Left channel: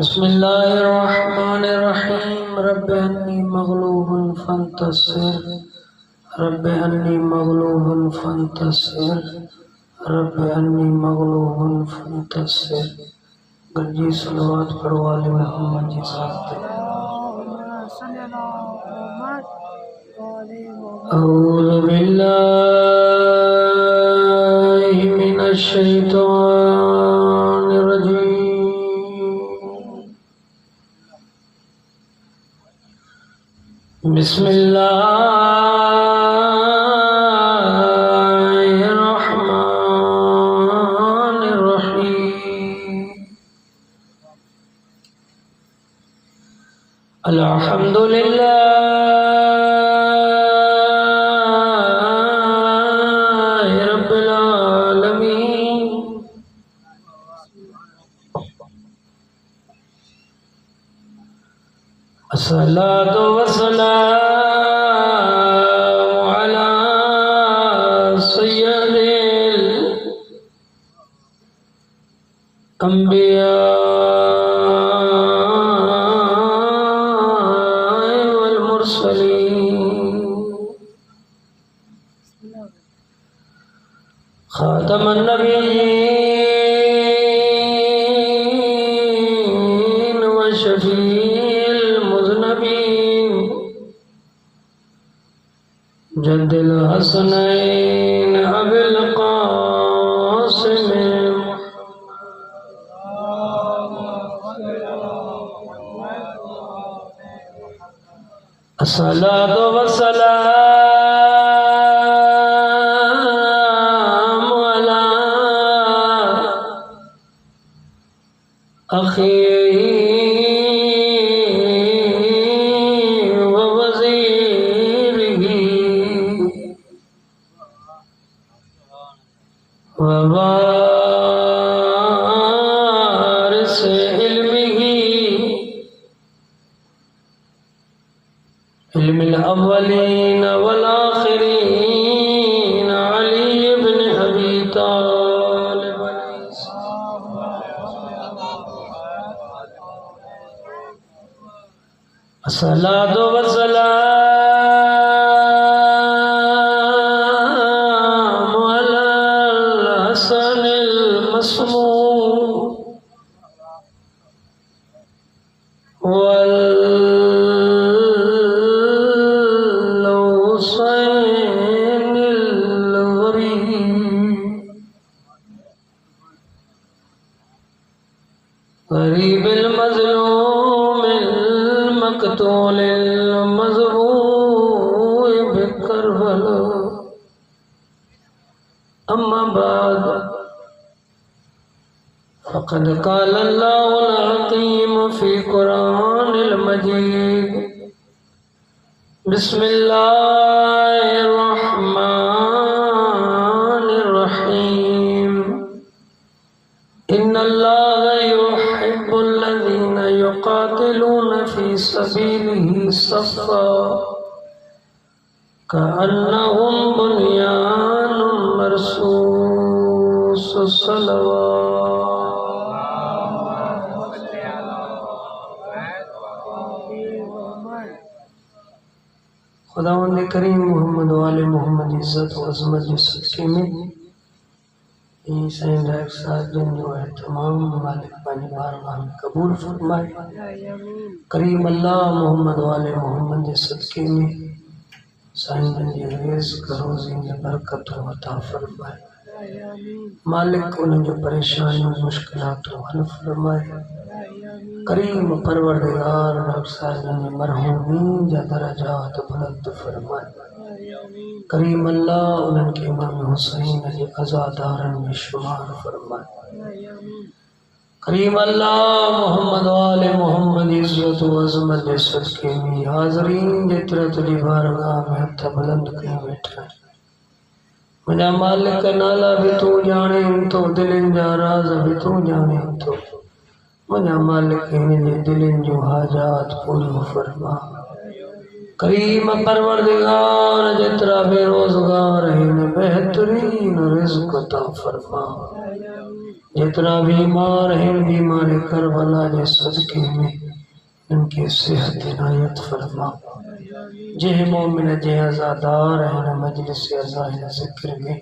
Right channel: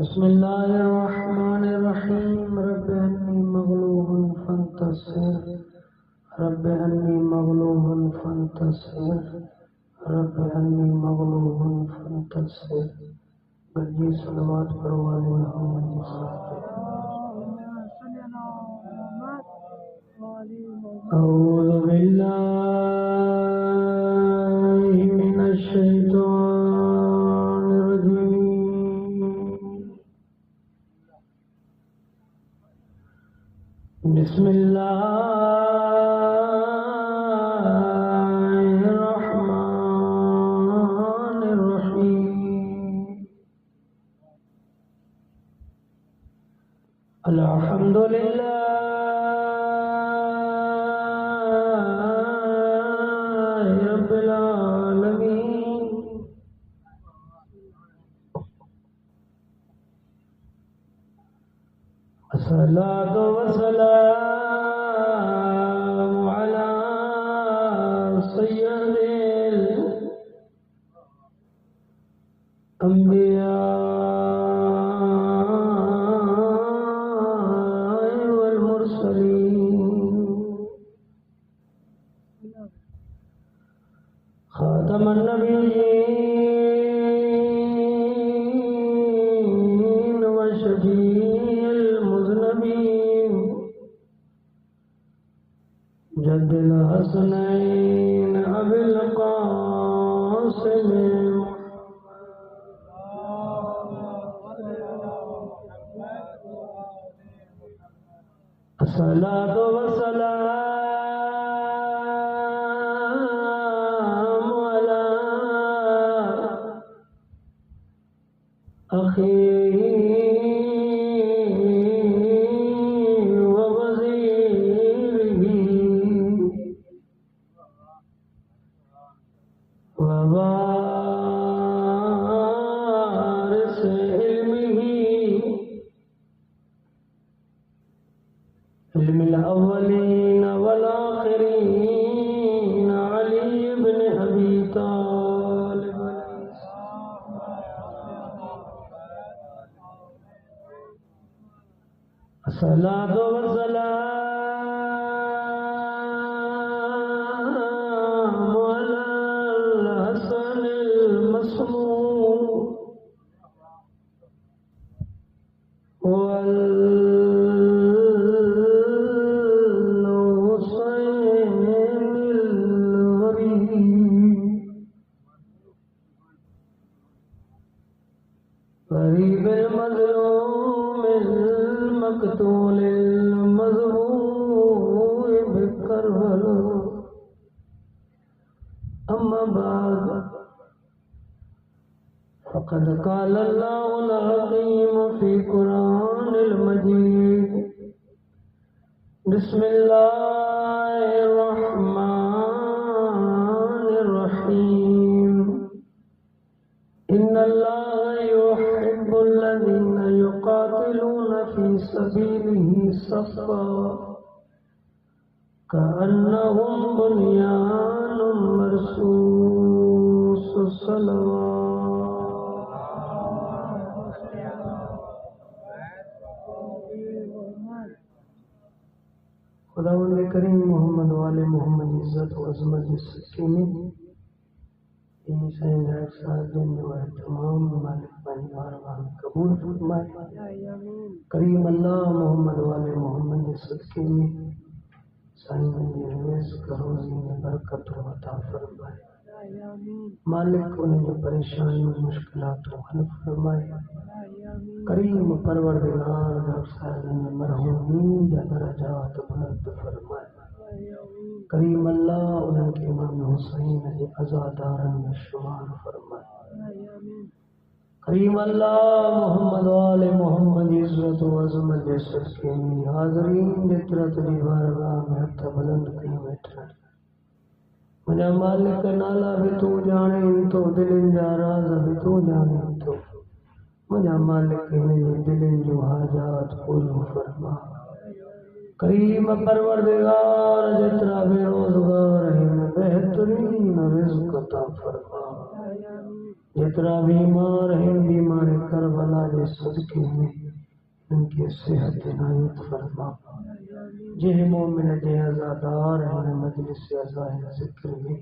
बिस्मिल्लाहिर्रहमानिर्रहीम। रब्बि अन्नी मग़लूबुन फंतसिर, रब्बि अन्नी मग़लूबुन फंतसिर, रब्बि अन्नी मग़लूबुन फंतसिर। गंजी सलवात पढ़ो वाले मोहम्मद जी साथ। अऊज़ु बिल्लाहि मिनश शैतानिर रजीम। बिस्मिल्लाहिर्रहमानिर्रहीम। अल्हम्दुलिल्लाहि रब्बिल आलमीन। अस्सलातु वस्सलामु अला सय्यदिल अंबिया वल मुरसलीन। खातमन नबिय्यीन व शफील मुज़नबीन। जद्दिल हसनैन अबिल क़ासिम। अस्सलातु वस्सलामु अला अख़ीही व वज़ीरिही व वारिस इल्मिही इल्मिल अव्वलीन वल आखिरीन अली इब्न अबी तालिब। अस्सलातु वस्सलामु अलल हसनिल मस्मूम वल हुसैनिल गरीबिल मज़लूमिल मक़तूलिल मज़बूइ बिकरबला। अम्मा बाद फ़क़द क़ाल अल्लाहुल हकीम फ़ी क़ुरानिल मजीद। बिस्मिल्लाहिर्रहमानिर्रहीम। इन्नल्लाहा युहिब्बुल्लज़ीना युक़ातिलूना फ़ी सबीलिही सफ़्फ़ा कअन्नहुम बुन्यानुम मरसूस। खुदावंद करीम मोहम्मद वाले मोहम्मद इज़्ज़त व अज़मत के सदक़े में साईं डायरेक्ट साहब जिन जो है तमाम मालिक पानी बारगाह में कबूल फरमाए। करीम अल्लाह मोहम्मद वाले मोहम्मद के सदक़े में साईं जी रिज़्क़ रोज़ी में बरकत अता फरमाए। मालिक उन्हें जो परेशानियों मुश्किलातों हल फरमाए। करीम परवरदिगार डॉक्टर साहब ने मरहूमीन जा दरजात बुलंद फरमाए। करीम अल्लाह उनके इमाम हुसैन जे अज़ादारन में शुमार फरमाए। करीम अल्लाह मोहम्मद वाले मोहम्मद इज़्ज़त व अज़मत के सदक़े में हाज़रीन जेतिरा तुझी बारगाह में हथ बुलंद कई बैठा। मुझा मालिक नाला भी तू जाने तो दिलन जा राज भी तू जाने तो मुझा मालिक इन जे दिलन जो हाजात पूरी फरमा। करीम परवरदिगार जितना बेरोजगार है इन्हें बेहतरीन रिज़्क़ अता फरमा। जितना बीमार है बीमारी करबला के सदके में इनकी सेहत इनायत फरमा। जे मोमिन जे आज़ादार है न मजलिस अज़ाहिर ज़िक्र में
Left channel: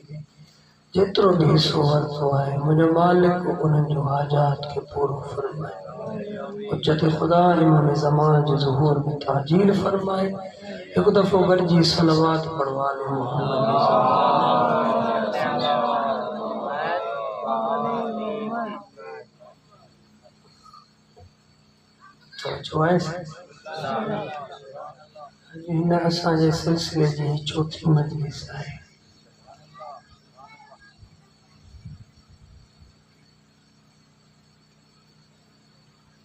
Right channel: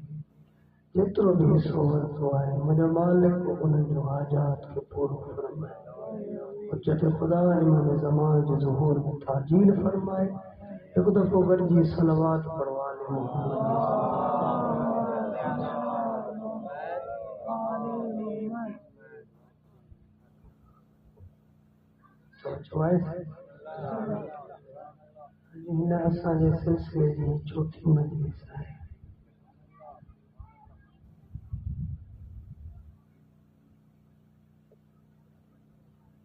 जितरो भी सोहर तो है मुझे मालिक उन्हें जो हाजात के पूरा फरमाए। उच्चत खुदा इमाम ज़मान जो ज़ुहूर में ताजील फरमाए। एक दफ़ो गरजी सलवात पढ़वा ले मोहम्मद हिन असांजे सिलसिले जी चौथी मजलिस आहे।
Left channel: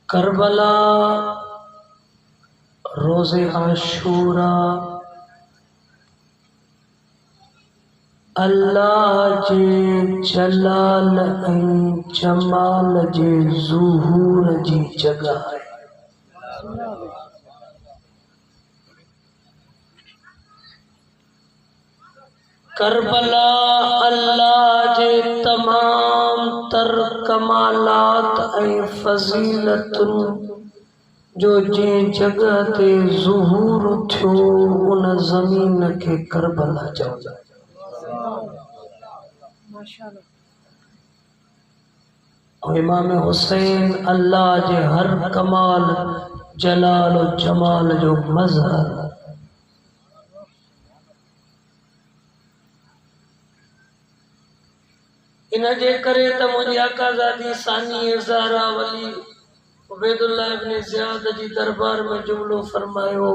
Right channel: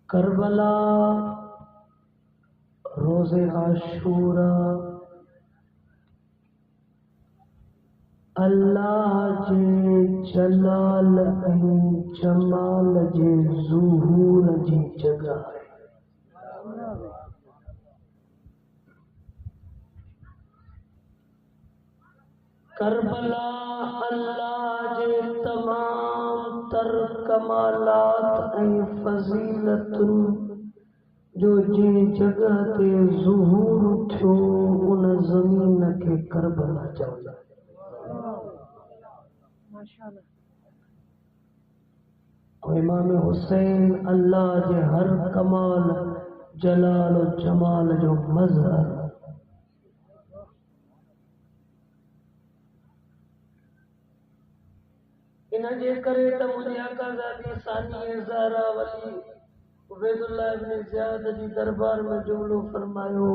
करबला रोज़े आशूरा अल्लाह जे जलाल ऐं जमाल जे ज़ुहूर जी जगह आहे। करबला अल्लाह जे तमाम तर कमालात ऐं फज़ीलतुन जो जे जगह ते ज़ुहूर थियो उन ज़मीन के करबला चवंदा। और इमाम हुसैन अल्लाह जे हर कमाल जलाल और जमाल जो मज़हर। इन जे करे त मुझे आकाज़ादी सानी ज़हरा वली उबैदुल्लाह इब्न ज़ियाद जी दरबार में जुमलो फरमायो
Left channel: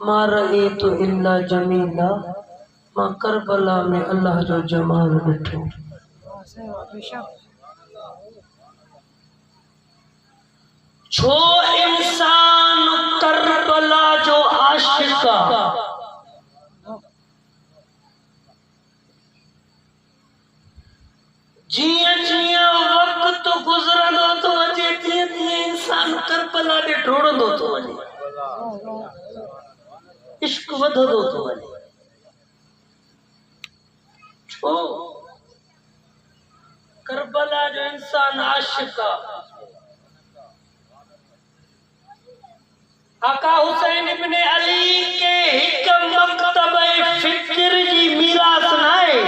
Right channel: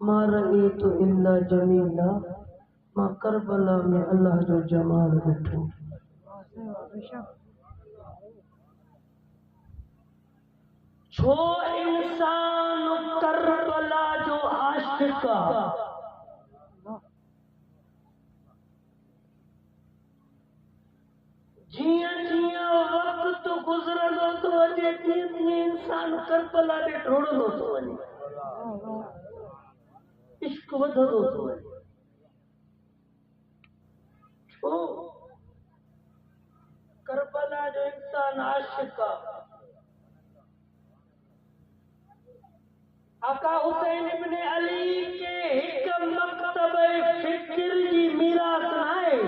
मा रअयतु इल्ला जमीला। मां करबला में अल्लाह जो जमाल ॾिठो। छो इंसान करबला जो आशिक़ आहे। जियां जियां वक्त गुज़रंदो तो अचे तीअं तीअं इंसान करबला ॾे ढोड़ंदो तो वञे। इश्क वधंदो तो वञे। छो करबला जो इंसान आशिक़ आहे। आका हुसैन इब्न अली के हिक मकतब फ़िक्र जी मीरास नाहे।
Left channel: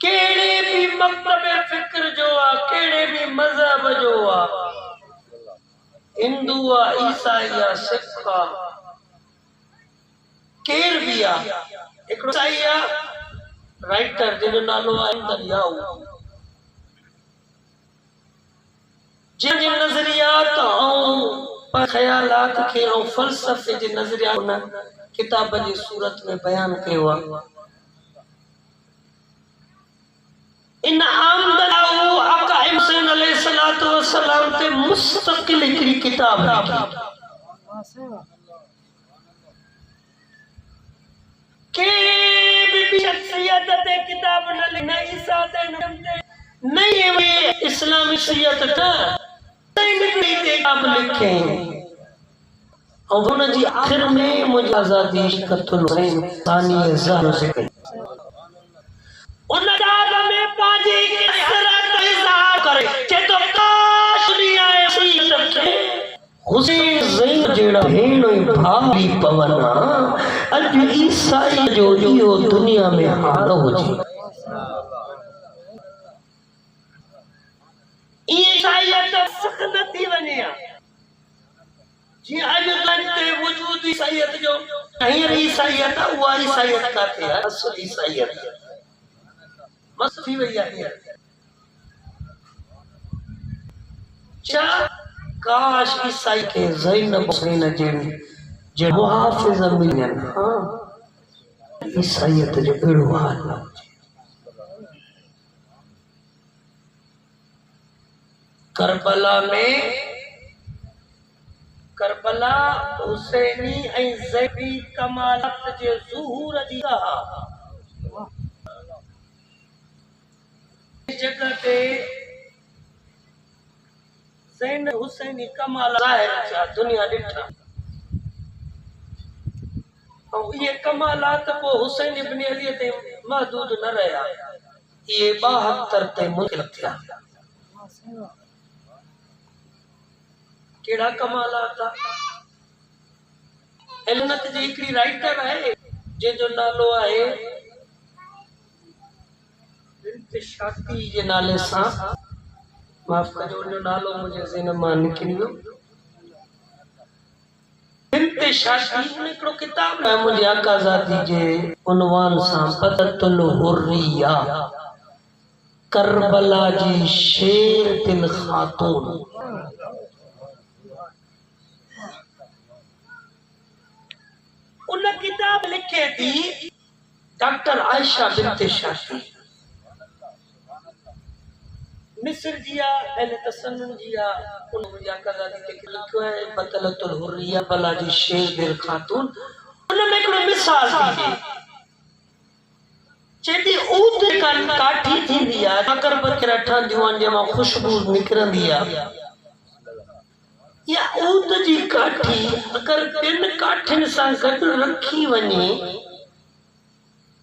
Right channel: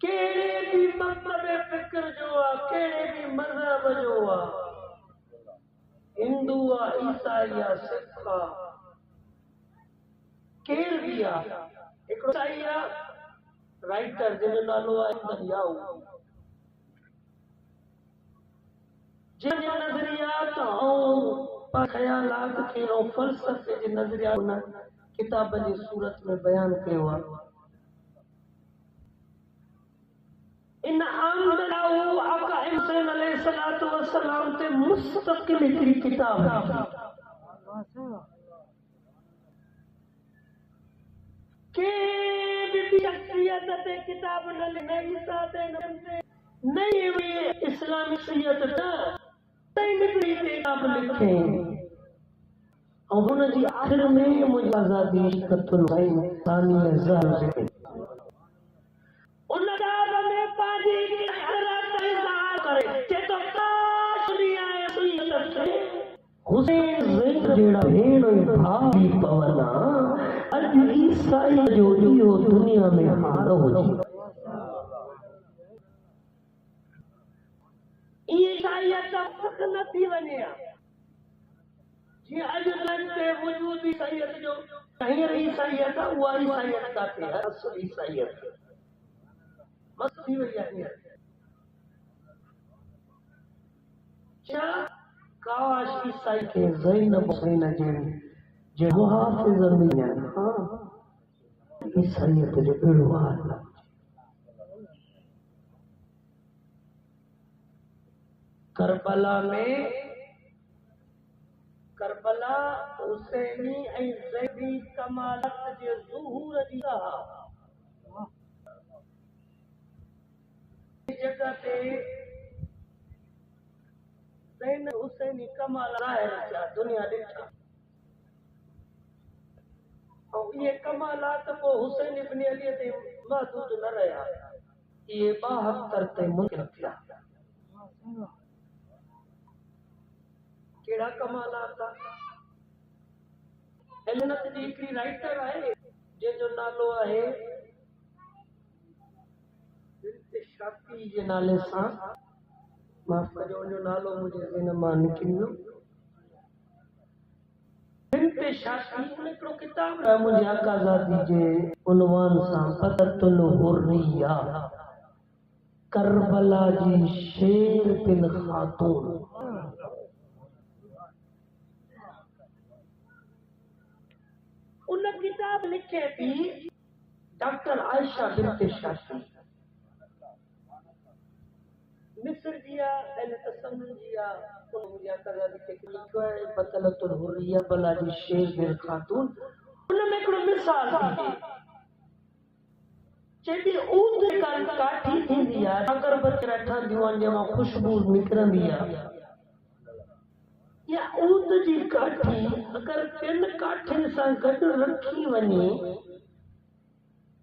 केड़े भी मकतब फ़िक्र जो आ केड़े भी मज़हब जो आ हिंदू आ ईसाई आ सिख आ केर भी आ। हिकिड़ो ईसाई आ राइटर जिन नालो आहे दरियाऊ जिन नज़रियात ऐं ख़यालात खे ऐं फ़लसफ़े जे नज़रिया उन किताब जी सूरत में बयान कयो आहे। इन आमदलाऊ आका हुसैन अलैहिस्सलातु वस्सलाम ते मुस्तक़िल हिकिड़ी किताब लिखी। के भी शख्सियत ते किताब न लिखी न ईसा ते न इस्लामी शख्सियत ते किताब लिखे। और उन जी आखिर में मुझे आज़ादी कतुल हुसैन सानी ज़हरा ज़िक्र उन किताब में पाजी कसरत इज़हार करे जे तो काश दुनिया ऐसी रखे हुसैन ज़ैन जेड़ा भेण ऐं भाई पवना अज ईसाई जो इहो दुनिया में हाल हुजे। ईसाईयत सख न थी वञे जी अज ते वजूद ईसाईयत जो हींअर ईसाईयत उहा ईसाईयत काथे आहे। असुल ईसाईयत मस्त थी वई आहे। छा काश ईसाई के ज़ैनब हुसैन जे मुहाफ़िज़ मिलन। हाँ ईसाईयत जो अहिड़ो हाल न हुजे। करबला हुसैनी ऐं ज़ैबी कमालत जे ज़ुहूर जी जगह ते ज़ैन हुसैन कमाल ज़ाहिर थिया दुनिया ॾिठा ऐं इहे कमालात पोइ हुसैन इब्न अली ते महदूद न रहिया, इहे 72 ते मुनकिल थिया। कहिड़ा कमालात? इल्मत जी हिकिड़ी राइटर आहे जंहिंजो नालो आहे बिन्त शाती जे नाले सां, माफ़ कजो उनजो नालो मुंहिंजे ज़हन मां निकिरी वियो। बिन्त शाती उन हिकिड़ो किताब आहे मुंहिंजे आकाज़ादी जे उनवान सां बदतुल हुर्रिया, करबला जी शेर दिल खातून। उन किताब लिखे थी डॉक्टर आयशा बिन्त शाती, मिस्र जी अहले तसन्नुन जी उन मुंहिंजे आकाज़ादी ते लिखियो आहे बतलतुल हुर्रिया बला जी शेर दिल खातून। उन में हिकिड़ो मिसाल थी चेती ऊद काठी थींदी आहे, अकर बकरा ठहंदियूं आहिनि जंहिंमां ख़ुशबू निकिरंदी आहे, या ऊद जी काठी अगर ॿिनि काठियुनि सां गॾु रखी वञे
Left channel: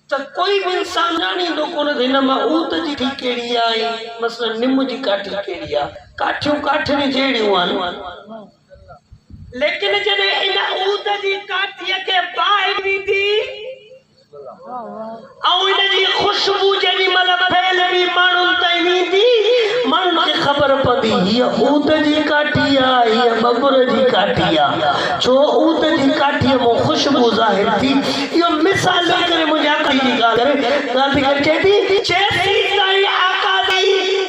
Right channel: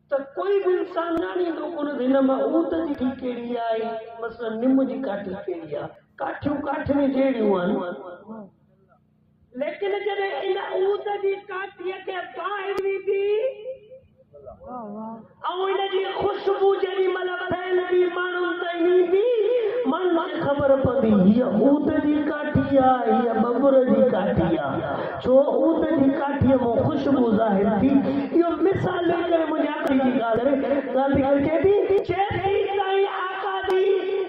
त कोई भी इंसान ॼाणींदो कोन त हिन मां ऊद जी काठी कहिड़ी आहे, मसलन निम जी काठी कहिड़ी आहे। काठियूं काठियुनि जहिड़ियूं आहिनि, लेकिन जॾहिं इन ऊद जी काठीअ खे बाहि ॾिनी ऐं इन जी ख़ुशबू जेॾी महिल फैलंदी माण्हुनि ताईं ईंदी, माण्हुनि खे ख़बर पवंदी हीअ ऊद जी काठी आहे, हीअ बबुर जी काठी आहे, छो ऊद जी काठीअ मां ख़ुशबू ज़ाहिर थी। इहो मिसाल ॾेई करे मुंहिंजे आख़िरी जी ॻाल्हि चए थी ताईं आकादी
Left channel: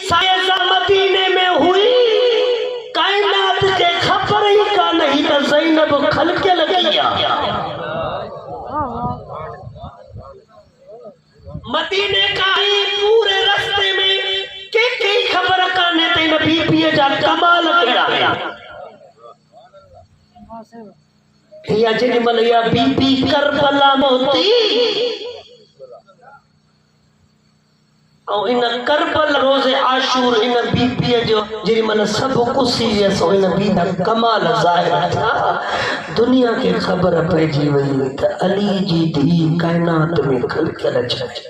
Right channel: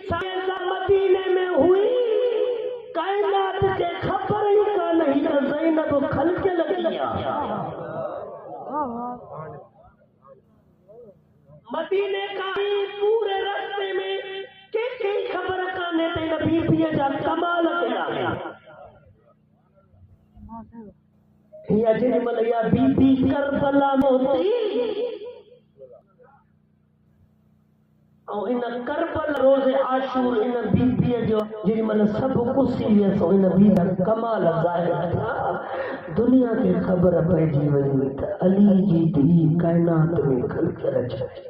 साइज़ मदीने में हुई, काइनात खे ख़बर ई कान हुई त ज़ैनब ख़लक़ियल लॻी आहे। मदीने का ही पूरे रास्ते में के खबर काने ते न बीबीअ जा कमाल कहिड़ा आहिनि। या जेॾी महिल इहा बीबी करबला में हुई ऐं इन करबला रोज़े आशूर इन बीबीअ जो जेॾी महिल सभु कुसी वियसि इन बीबी कमाल ज़ाहिर थिया, दुनिया खे ख़बर पइजी वई त अली जी धीउ काइनात में ख़लक़ियल आहे।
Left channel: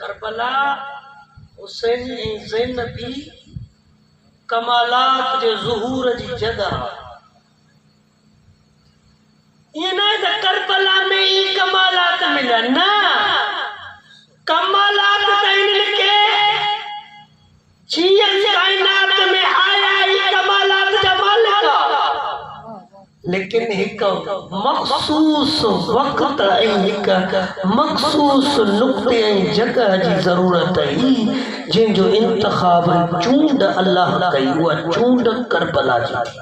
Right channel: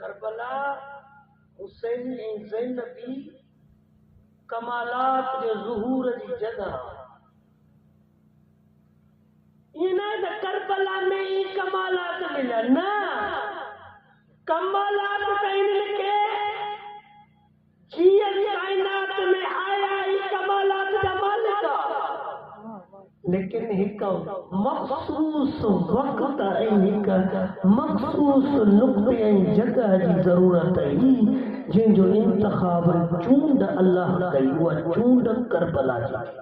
करबला हुसैन ऐं ज़ैनबी कमालात जे ज़ुहूर जी जगह। ये ना त करबला में ही कमालात मिला ना, कमालात त इनके जीअं काइनात में आया ही कमालात जा मालिक, लेकिन एक मखसूस वक्त ऐं हिक मखसूस नुक्ते ऐं जगह जी ज़रूरत हुई जंहिंजो इंतखाब चूंड अल्लाह कई, उहा चूंड करबला जी थी।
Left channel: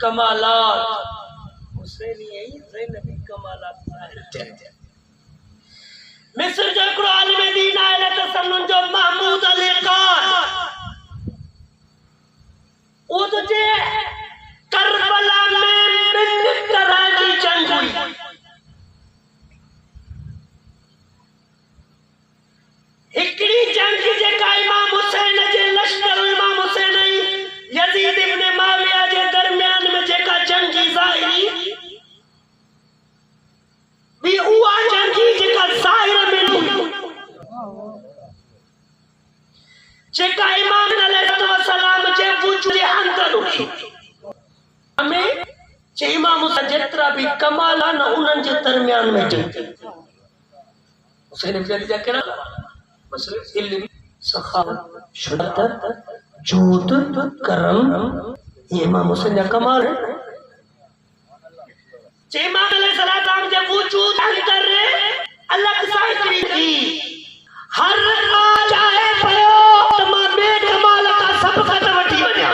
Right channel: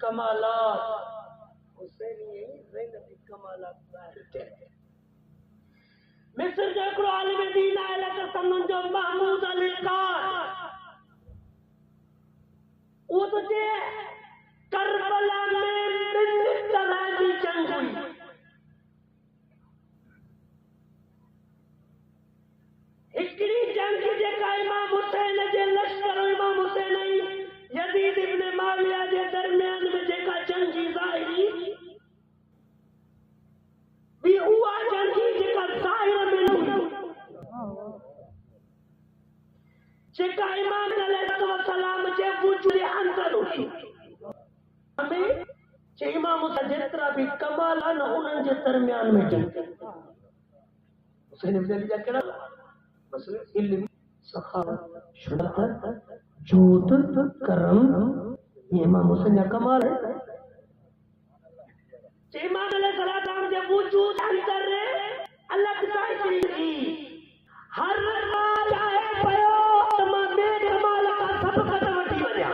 कमालात हुसैनी ऐं ज़ैनबी कमालात ज़ाहिर थिया। मिस्र जो हिकिड़ो आलिम दीन आहे तसन्नुन जो महमूद अली ख़ान, उहो तो चए करबला में ॿिनि तरह जी जंग हुई। हिकिड़ी जंग जेका इमाम हुसैन जे लश्कर इमाम हुसैन ऐं यज़ीद इब्न माविया जे दरमियान में जेका जंगी ज़ाहिरी भी उहा जंगी जेका ज़ाहिर में हुई, जेका इमाम अलैहिस्सलाम जे वजूद जे अंदर हुई। हमें जे इमाम हुसैन जेतिरा भी कमाल आहिनि उन्हनि जे दरमियान में जंग। हुसैन इब्न अली जा कहिड़ा मसइले? इल्म, सखावत, शुजाअत, जूद, करम, ये इमाम हुसैन जा कमाल है। जे इमाम अलैहिस्सलाम जे वजूद अंदर अलग साइकिल थी, हर आज आए पयो त मां बे कमाल का सब खत वठी वञा,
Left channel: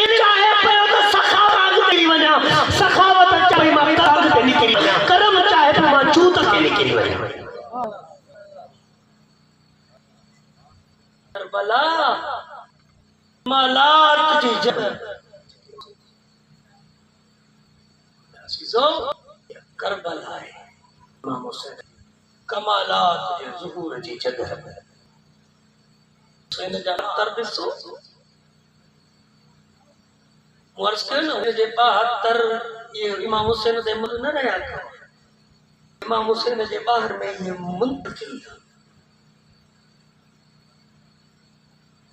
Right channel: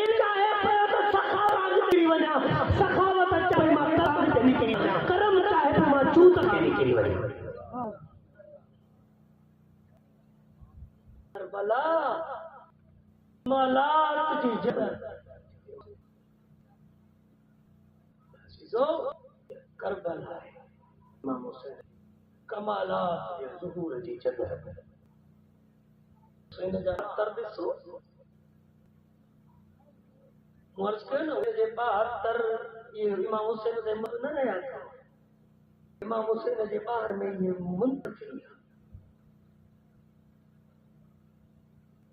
इन आए पयो त सखावत निकरी वञा, सखावत चाहे मां ताक़त ते निकरी वञा, करम चाहे त मां जूद ते निकरी वञा। करबला कमालात जी जगह ॾिसो करबला है इमाम हुसैन कमालात जे ज़ुहूर जी जगह पे हुसैन जा अख्तर ॾिसो वर्ष के न जे 72 ये इमाम हुसैन दे मुल्क न रहा इमाम हुसैन जे बाहर में ये मुंतकिल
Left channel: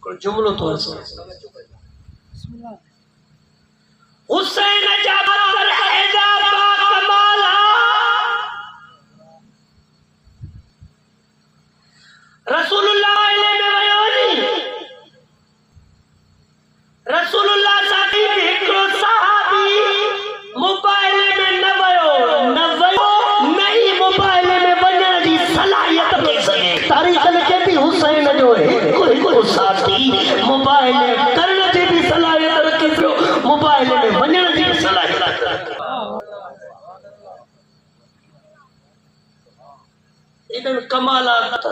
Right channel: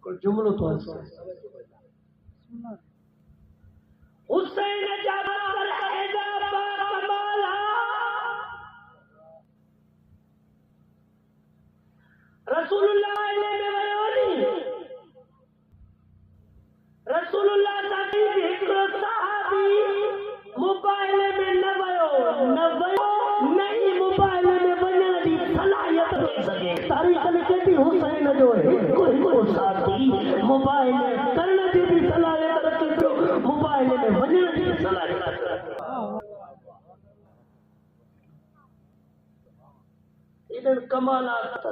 को जुमलो तो अर्ज़ हुसैन जा अख्तर एजा कमाला रसूलुल्लाह में वयो नी रसूलुल्लाह साथी हिकड़ो सहाबी मोबाइल में न वयो नहीं मोबाइल में वञण जी सलाहियत थी सके तारीख़ लिखे थी हुसैन जो हिकड़ो साथी मोबाइल करण जी भी सलाहियत रखे पियो मोबाइल में वञण जी भी सलाहियत इन्हनि कमालात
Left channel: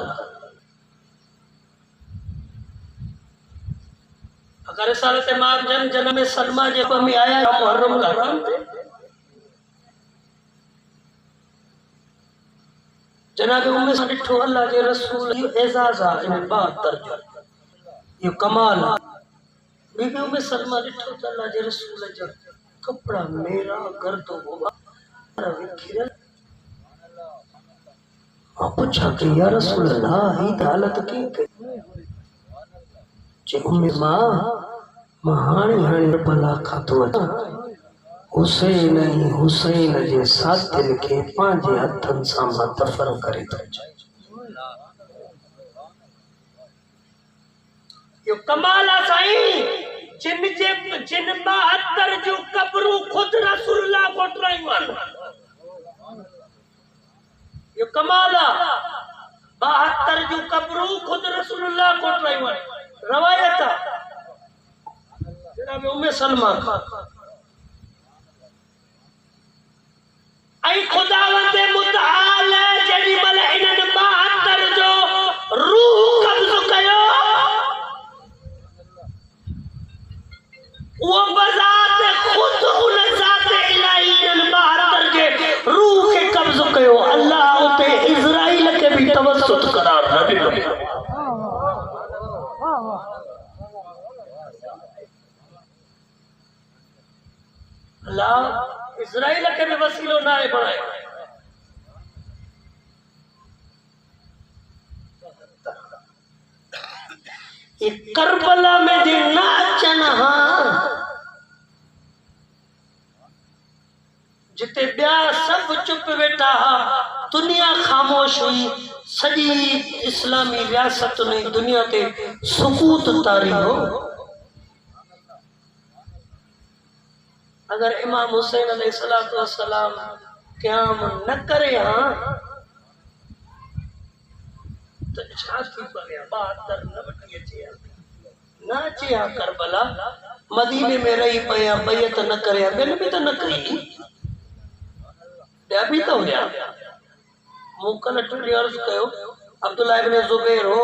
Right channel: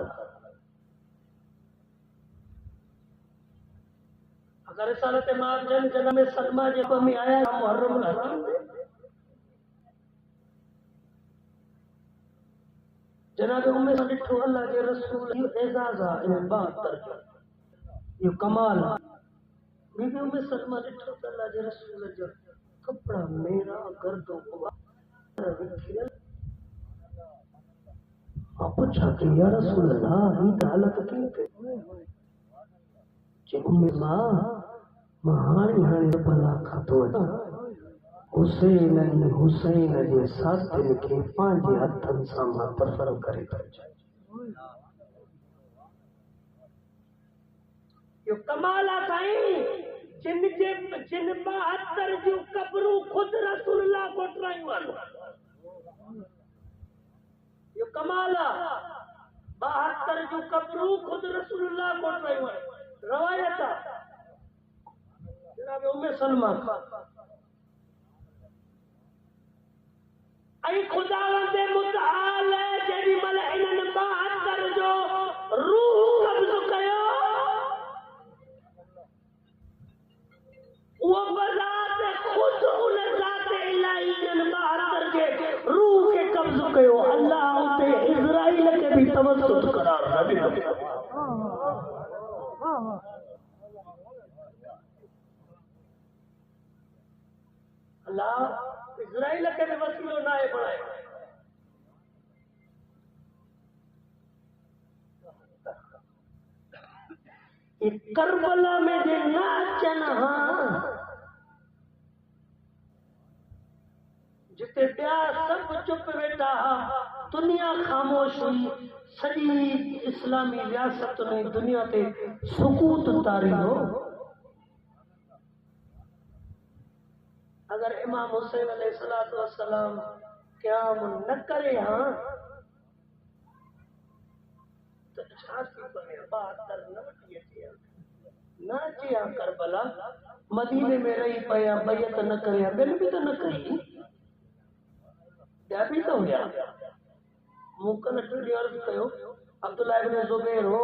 अगर रिसालत मां जन्म में सलमा जे पर में आया मुहर्रम का हराम थे जनाब उम्मे सा डिठो अल्लाह जे रसूल यो एजाज आ इन 72 जो यो कमाल बीबी उम्मे सलमा डिठो त अल्लाह जे रसूल जा कपड़ा मेरा गर्दो होगा विखिरल आ पूछा कि या रसूल अल्लाह ही हालत की जे उम्मे मां हाणी भला खातो हुसैन जे साथिन के पांजे हथन सां मां दफन करे थो यो कमाल आहे साईं जिन 72 जो कब्रूं खुद रसूलुल्लाह कोटरायूं आहिनि यो कमाल आहे 72 जो कब्रूं खुद रसूलुल्लाह कोटरायूं आहिनि रवायत जनाब उम्मे सलमा आई खुदावंद मुतआल जड़ी मल इनन 72 जो रूह कब्ज कयो वो बजात खुद उन जात इलाही इनन 72 जे रूह के कब्ज कयो अल्लाह उते इजराइल के भी तवस्सुत करार न ॾिनो अल्लाह इजराइल के भी वसीलो ना है बनाए ये करबला में जे नाचन हां जिते ब्या सब चुप वेठा दुनिया खामोश हुई सजी इस्लामी रियासत ने दुनिया ते सुकूत तारी हो अगर इमाम हुसैन अलैहिस्सलातु वस्सलाम क़याम न करे हां तो छा थी पवे 72 न वठी अचे न अचे हां करबला मदीने में रही पया बैत न करे बिन भी तो न कई ॿिया भी तो हुया मुकल टुडी अर्ज़ कयो अब्दुल्लाह इब्न ज़ुबैर हो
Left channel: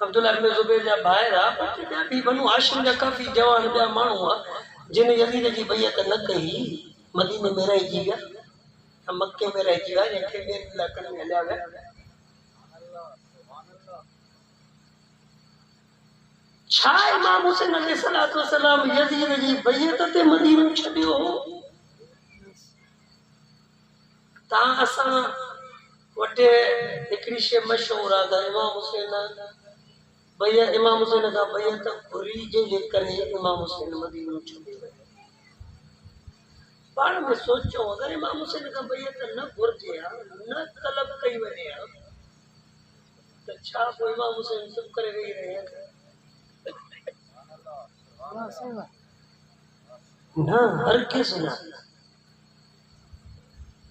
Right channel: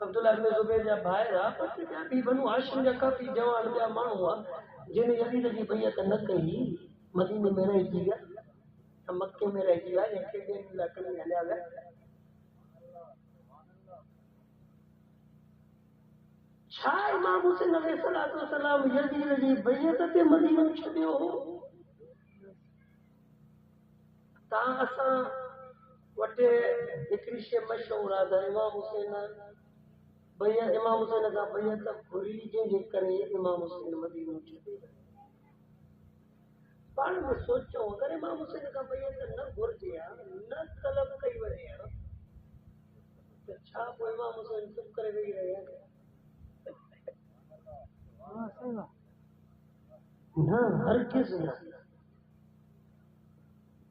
अब्दुल्लाह इब्न ज़ुबैर जा भाइर आ पर ॿिया भी बनु हाशिम जा काफ़ी जवान ॿिया माण्हू आ जिन यजीद जी बैत न कई मदीने में रहिजी विया मक्के में रहिजी विया जंहिंखे ॿियनि इलाइक़नि में हलिया विया छा इमाम हुसैन अलैहिस्सलातु वस्सलाम यजीद जी बैत ते मदीनो छॾियो हो ता असां वटे हिकिड़ी शइ मशहूर आहे त इमाम हुसैन का बैत घुरी जे करे इमाम हुसैन मदीनो छॾे पाण में सोचो अगर इमाम हुसैन का बैत न घुर्जे न तलब कई वञे त छा पोइ इमाम हुसैन चुप करे वेही रहे न हर किस न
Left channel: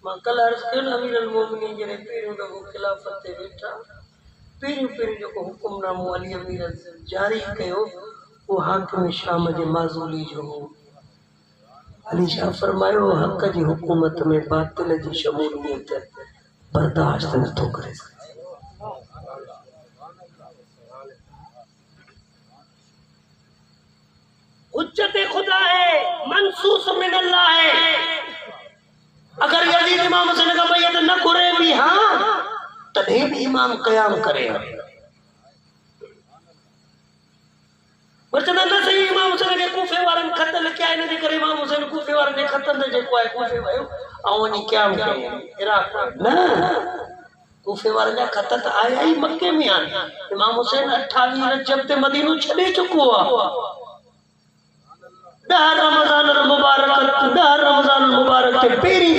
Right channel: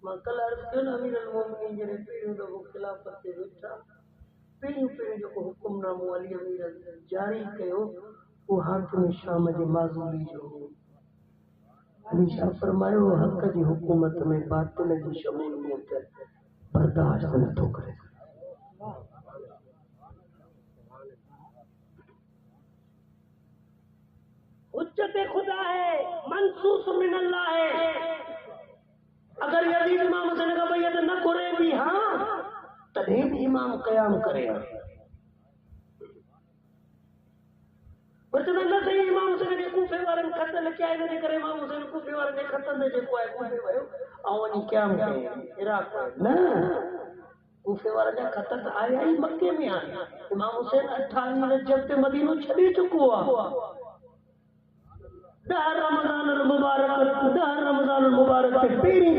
मां कल अर्ज़ कयो न अमीर अल मोमिनीन जॾहिं पहिरियों दफ़ो खिलाफ़त ते वेठा पहिरियों जेको हुकुमनामो अली अमीर जारी कयो वो हाकिम शाम जे माज़ूली जो हो अली शाह फरमायो हक़ जी हुकूमत में बातिल जी शमूलियत बर्दाश्त नथो करे सघे हुज्जत खुदा है मंसूस मिन अल्लाह है अगर यजीद इमाम हुसैन का बैयत न करे भी हाँ तभी भी इमाम कयाम करे वरचना न सही इमाम हुसैन के कूफे वारन खत लिखया इन जे करे इमाम हुसैन कूफे वारन जे खत में जेको आहे कूफे वयो ऐं वञी कयाम करे इराक न कूफे वारन जा खत त आया ही मक्के में आया इमाम हुसैन 28 रजब ते मदीनो छॾे चुको आहे 10 रमज़ान मुबारक ते पेरी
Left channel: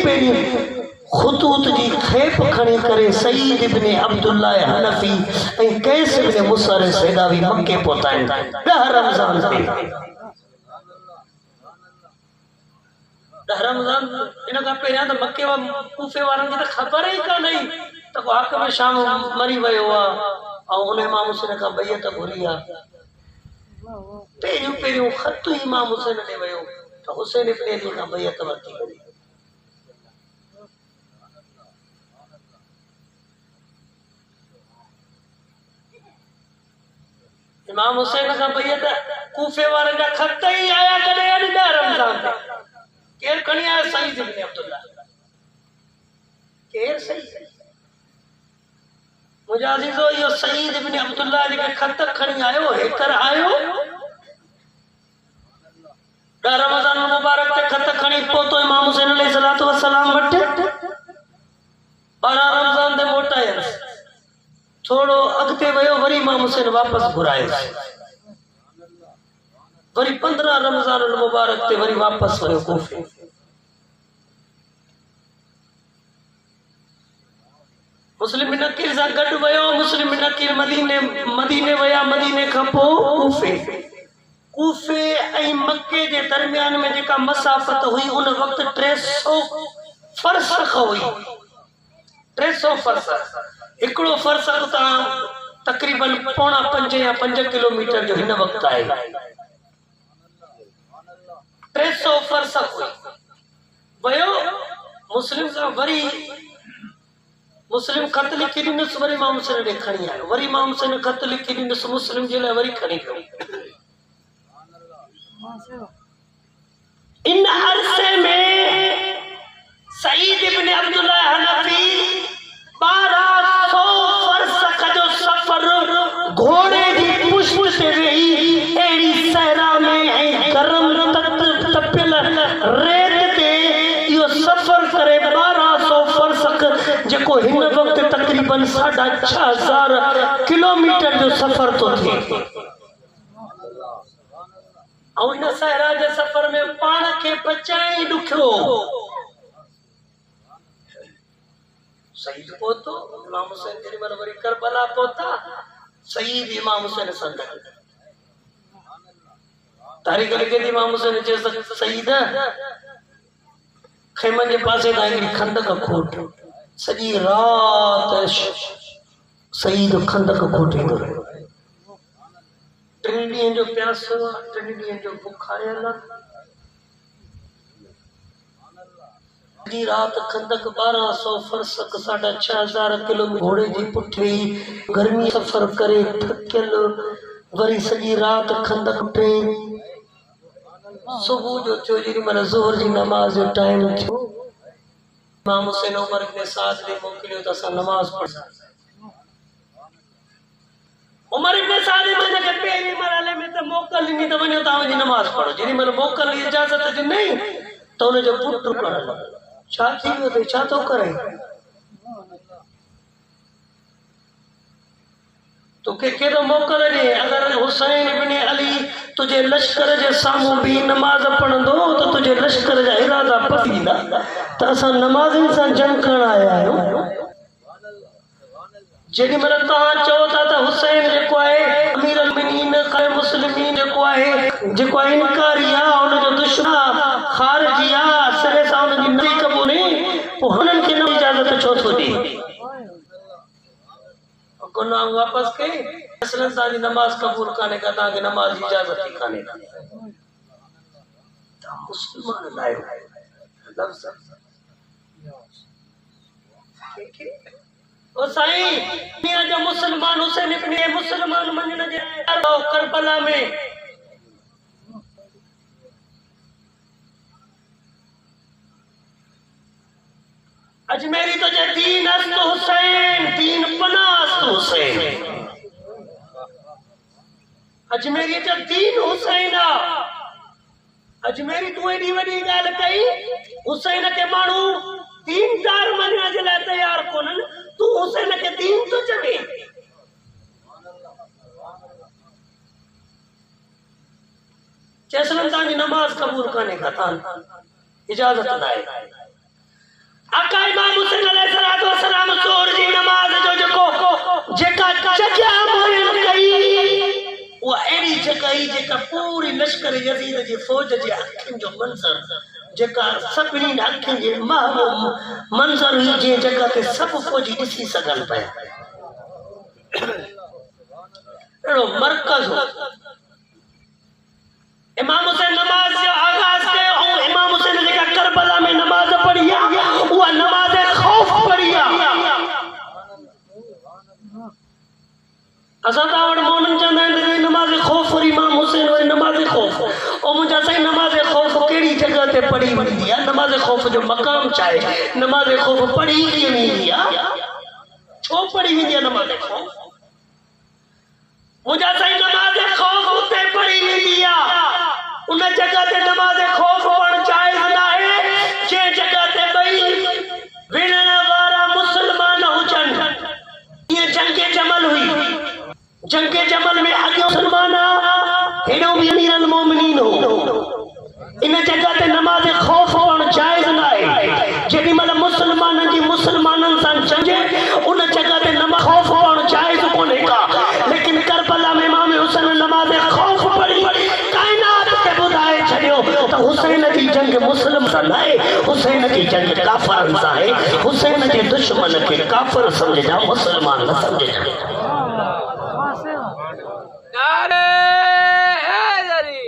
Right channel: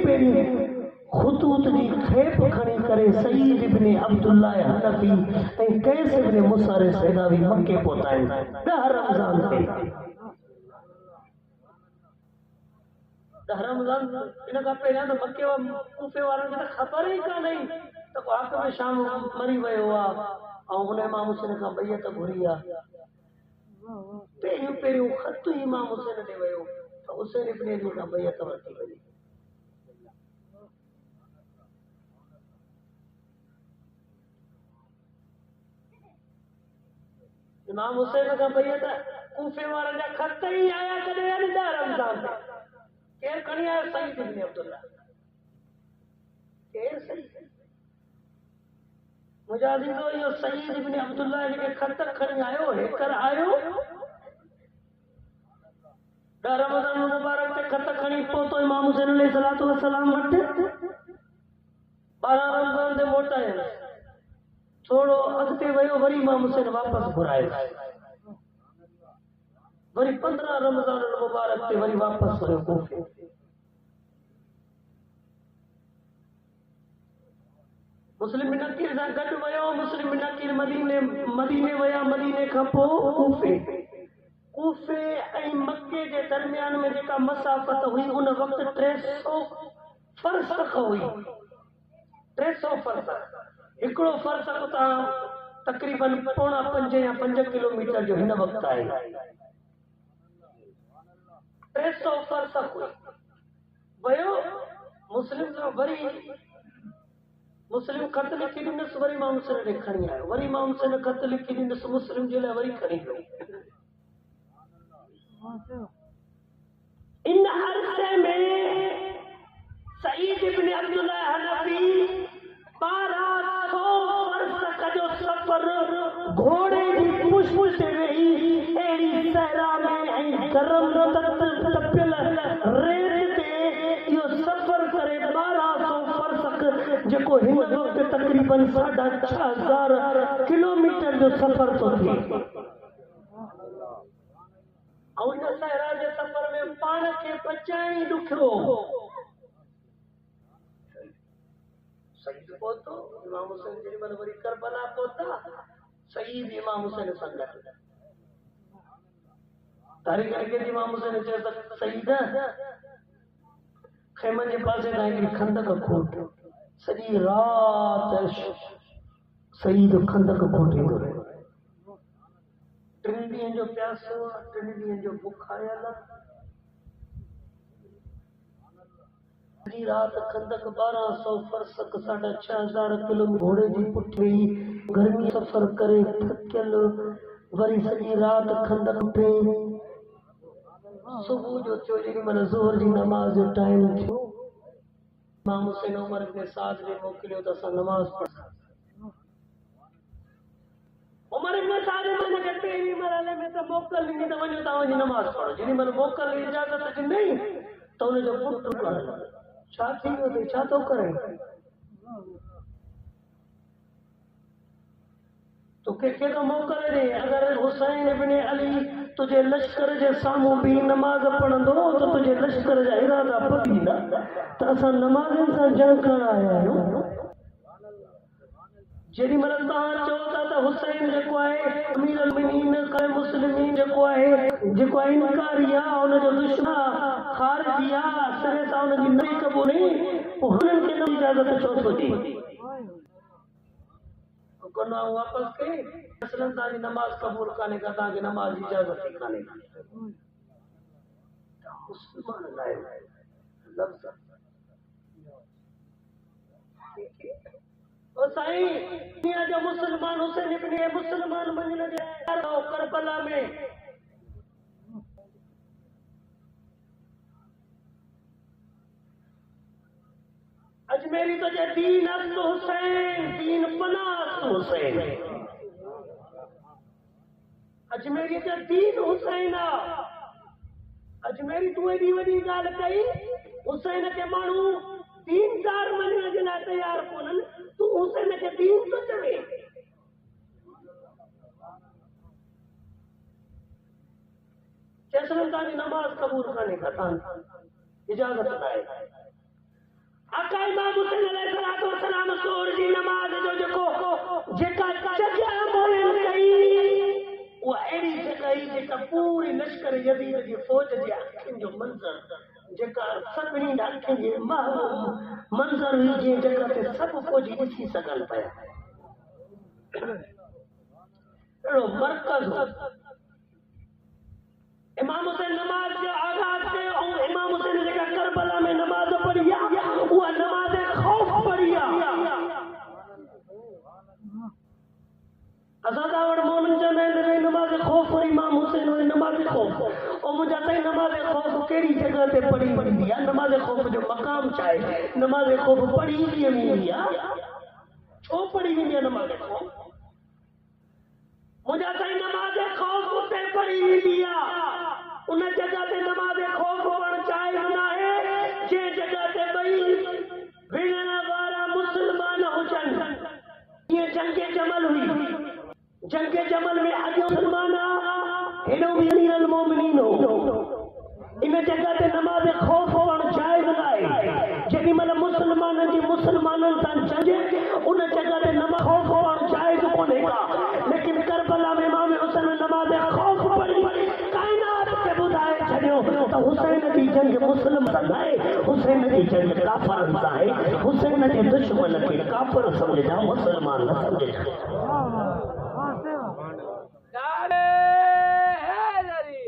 खुतूत जी खेप खणी करे सईद इब्न अब्दुल्लाह हनफी ऐं कैस इब्न मुसर सैदावी मक्के पहुताइन 10 रमज़ान ते 10 रमज़ान इन का पहिरियां त मक्के वा कूफे वारनि खे त ख़बर ई कान हुई त हाकिम शाम मरी वियो आहे ऐं हुन इमाम हुसैन खां बैयत घुरी आहे पहिरियों ख़त इमाम हुसैन ॾे वियो त हुसैन इब्न अली खां बैयत वरिती वई इमाम हुसैन का बैयत कूफे वारन जा खत ही आया कदे 10 रमज़ान ते केर खणी आया सईद इब्न अब्दुल्लाह केर सही मुझे अजीजो यो सईद इब्न अब्दुल्लाह जे खत खणी आयो हेकर आयो 10 रमज़ान मुबारक ते खत खणी पहुतो इमाम हुसैन अलैहिस्सलातु वस्सलाम वटि 12 रमज़ान ते मोटायस थोड़ो अगते वयो वरी इमाम हुसैन वापस घुराए वरी 15 रमज़ान मुबारक ते वरी वापस वयो कूफे मुस्लिम बिन अकील सां गॾु वयो मुस्लिम बिन अकील मदीने वया मदीने खां पोइ कूफे ऐं मक्के जे दरमियान में जेका मसाफ़त हुई उन वक्त 300 फरसख हुई 300 फरसख हिकिड़ो फरसख तां तकरीबन 4.5 या 5 किलोमीटर जो हिन वक्त आहे 300 फरसख हुई वयो मुस्लिम सां वरी मुस्लिम खत लिखी ॾिनसि वरी इमाम हुसैन ॾे खणी आयो वरी इमाम हुसैन खत लिखी ॾिनसि मुस्लिम जे लाइ वरी खणी वियो इन अरसे में सईद इब्न अब्दुल्लाह हनफी 1200 फरसख जो सफर घोड़े जी पुष्ट ते वेही अहिड़ी सहरा में ऐं गरम तपियल रेत ते इहो सफर करे 1200 फरसख जेको हिन वक्त तकरीबन 6000 किलोमीटर जो सफर तो थिए ऐं इन सहरा जे सफर में पाण खे बचाई ॾुखियो सईद पहुतो इमाम हुसैन जेॾी महिल वरी करबला पहुता सईद इमाम हुसैन सां गॾु तारीख़ लिखे थी इमाम हुसैन चए सईद खेमनि जे पासे खां हिकिड़ी खंदक खोट सॼी राति सईद खंदक खोटींदो रहियो 3 ॾींहंनि जो प्यासो 3 ॾींहंनि जो बुखारियल सॼी राति खंदक 1200 फरसख 6500 किलोमीटर घोड़े जी पुठी गर्मी सफ़र करे थकियल वरी सॼी राति खंदक टे सुबुह जो थियो जेॾी महिल ज़ोहर जी नमाज़ जो टाइम थियो इमाम हुसैन उमर इब्न साद ने मोकिलियो त असां नमाज़ पढ़ां उमर इब्न साद ने के पहिरीं मरहले में त मोकल ॾिनी त वञो तव्हां वञी नमाज़ पढ़ो जेॾी महिल मोकल जी इजाज़त ॾिनई त हुनजो पुटु पढ़ण लॻो छा थी वियो अथई छा थो करे तोखे कहिड़ो मोकल ॾे अगरि हुसैन इब्न अली तुझे लश्कर जे साम्हूं बि नमाज़ पढ़ंदो त तुझे लश्कर जा इरादा पती ॾींदा त असां नमाज़िन सां जंग करण आया आहियूं जेॾी महिल तव्हां चओ था त हुसैन जेको आहे अमीर अलमुमिनीन मुस्लिमीन जेको आहे इनकारी आहे हुनजो दुश्मन ख़ारिजी आहे सिरे सां हुनजी नज़ी कबूनी पोइ हुननि खे न इजाज़त छो थो ॾे गुनाह वापसि कई असलन तव्हांजी नमाज़ क़बूल कान्हे का तव्हांखे नमाज़ जी इजाज़त ई कान्हे तव्हां मुस्लमान आहियो ओ साईं दुनिया जो मुसलमान हुसैन इब्न मुसलमान मञण जे करबला में अजमेरी तो जे दीन अस्त हुसैन दीन पनास्त हुसैन अजमेरी जो दीन हुसैन अजमेरी तू एडी वडी गाल कई हुसैन के मानू दीन दार मञण जे लाइ तैयार कोन तू हुसैन के दीन तो चवे चेसलन तानी नमाज कबूल करने का तान इजाजत नाहे आका इमाम हुसैन अलैहिस्सलातु वस्सलाम जोर जी नमाज जो जको जेका जजा मोयन कई वो एडी जगह जेका पूरी लश्कर यजीद जी फौज जे अखिन जो मंजर जेका सभिनी अखिन जे महबूब मंजर ही जे जगह ते सब फौजी दिसी सगन पे एड़ो मरकज हो इमाम हुसैन नमाज जो आगाज के और इमाम हुसैन जेका करबला में नमाज पढ़िया वो नमाज खौफ पढ़िया असादा और मोनन चंदा ने नमाज खौफ और इमाम हुसैन और नमाज खौफ और मुझे सही नमाज खौफ केड़ी जगह ते पढ़ी वंदी है नमाज खौफ जो मकाम चाहे नमाज खौफ पढ़ी की वंदी है छो पढ़ी वंदी है नमाज खौफ मुझे सही नमाज खौफ उते पढ़ी वंदी है उन जगह ते नमाज खौफ पढ़ जायज ना है जे जगह ते भई विणन वारा मुसलमान हुजन ये जंगे जमल हुई जंगे जमल में आगे मुसलमान हेडो भी अमीर अल मोमिनीन हो इन जगह ते नमाज खौफ पढ़ जायज ना है जेडी मतलब मुसलमानन जी मुसलमानन सन जंगे उन जगह ते नमाज खौफ पढ़ जायज कोने का लेकिन करबला में इमाम हुसैन नमाज खौफ पढ़ी हुसैन की जंग मुस्लिम सा है हुसैन की जंग काफर सा है हुसैन के दुश्मन के काफर समझ जा मुसलमान न समझ जा नारे हैदरी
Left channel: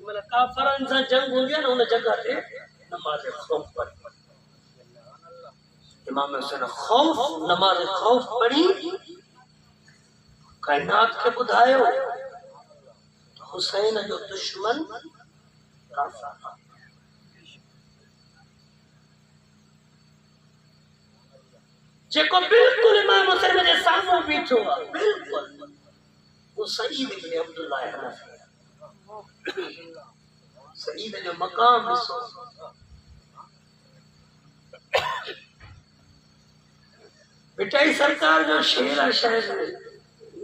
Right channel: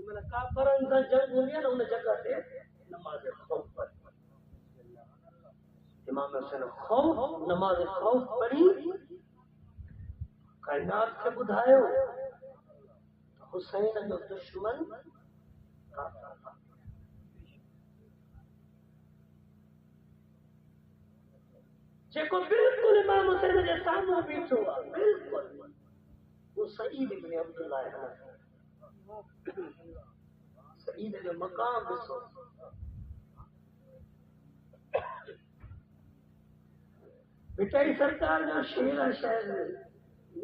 मतलब काफरन सा जंग हो गया ना उन जगह पे नमाज खौफ पढ़ी इमाम हुसैन खौफ नमाज खौफ पढ़ी कायनात के बुधायो हुसैन जो दुश्मन काफर जेको बिल्कुल इमाम हुसैन जे सामने बीठो बिल्कुल वो सईद इब्न अब्दुल्लाह हनफी सईद जो मकाम ॾिसो बेटाई सरकार जो शेर आहे शायद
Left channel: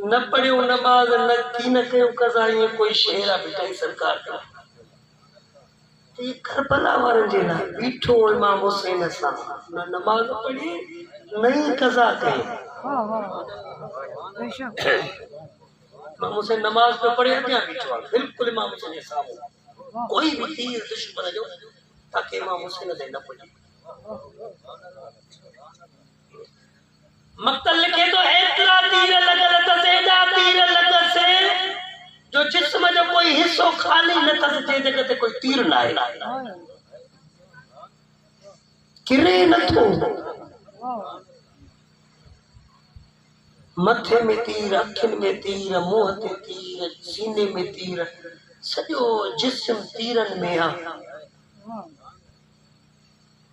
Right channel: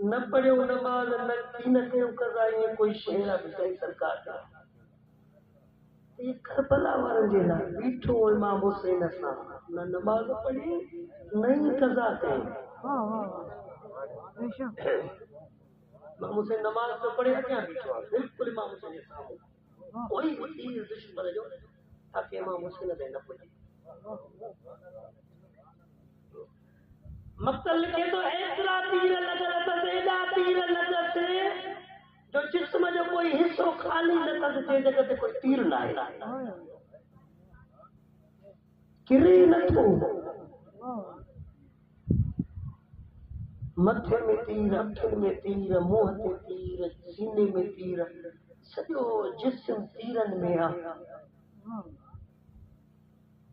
न पढ़ियो नमाज न की न कयो कज़ा ये कोई शेर आहे बेटाई सरकार का ये करबला वारन जे लाइ बीठो इमाम हुसैन सां न नमाज पढ़ी नहीं कज़ा कई इमाम हुसैन नमाज पे पढ़े क्या बीठो बिल्कुल इमाम हुसैन के सामने कोई भी तीर दुश्मन जो ताकि इमाम हुसैन से न पड़े मक्तल लिखे तो इतना तीर लगा त सेजा तीर लगा से जो जिस्म जो कोई हिस्सो खाली न त जे जगह ते कोई तीर ना है किरे न थो मथे में तीर अखिन में तीर मुंह ते तीर सीने में तीर सॼो जिस्म तीरन में आ